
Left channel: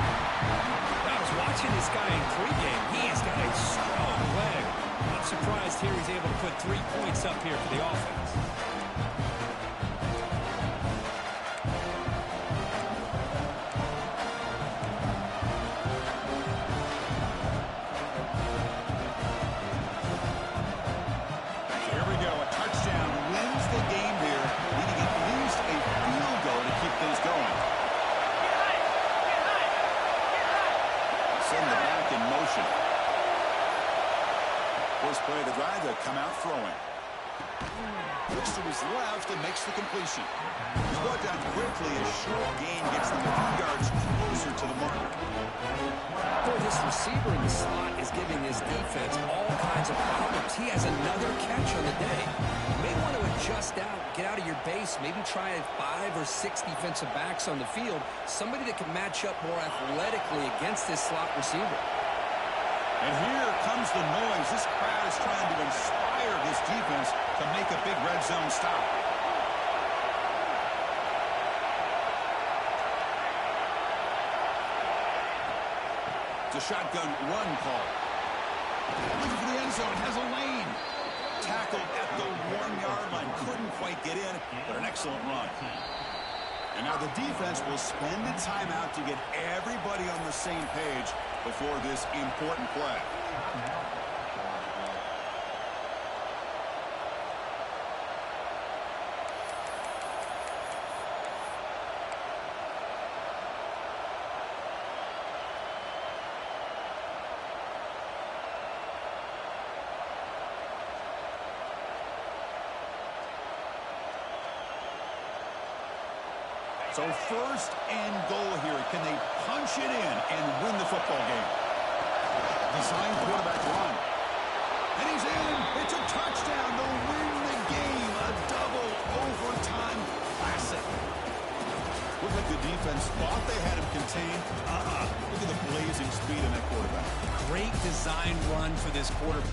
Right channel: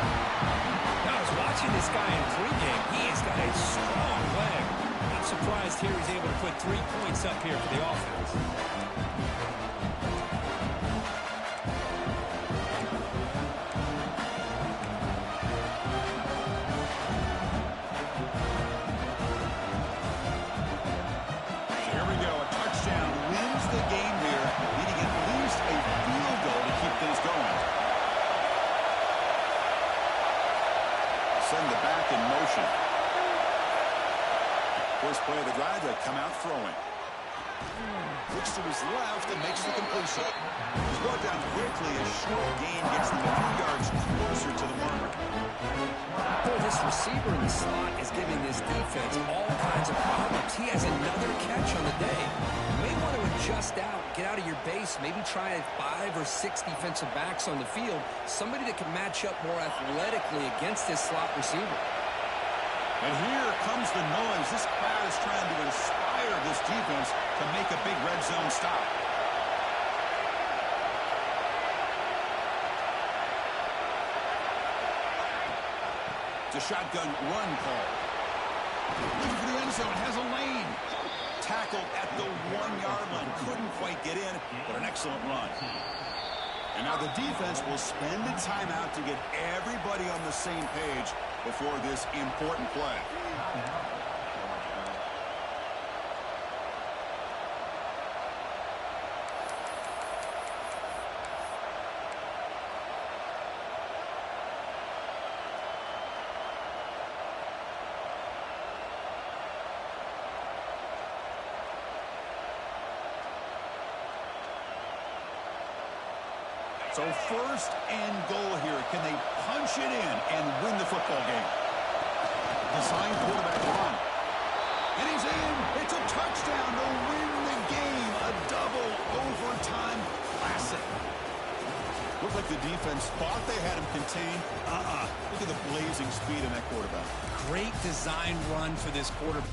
Now, I was watching this guy in pregame. He has got a strong leg. Not surprised here he's able to put 3 points up here for the offense. So here we go. A touchdown wins the game here, needing at least a field goal to keep things going. Send the back in motion. First play of the drive, they come out throwing. Looks to his left and makes the completion. He's brought down quickly. A short gain gets them a few yards closer to the marker. Boy, this receiver in the slot is giving this defense all kinds of problems. He has another catch on the day. You may want to adjust out, get out of your base, maybe try 5 or 6 defensive backs on the field, somebody that can match up more athletically against this slot receiver. And here comes the noise. This crowd is trying to inspire this defense to make a big red zone stop. It's a shotgun run call. Looking for the end zone. Has a lane. Tackled at the 1-yard line. Couldn't quite get in, but an excellent run. And now the defense will spend a timeout to get everybody on the same page before this important play. So first and goal here. Can they punch it in and win the football game? Design quarterback run. And he's in. It's a touchdown to win the game. A double overtime classic. Looked like the defense thought they had him contained. Look at the blazing speed in that quarterback. Great design run for this quarterback.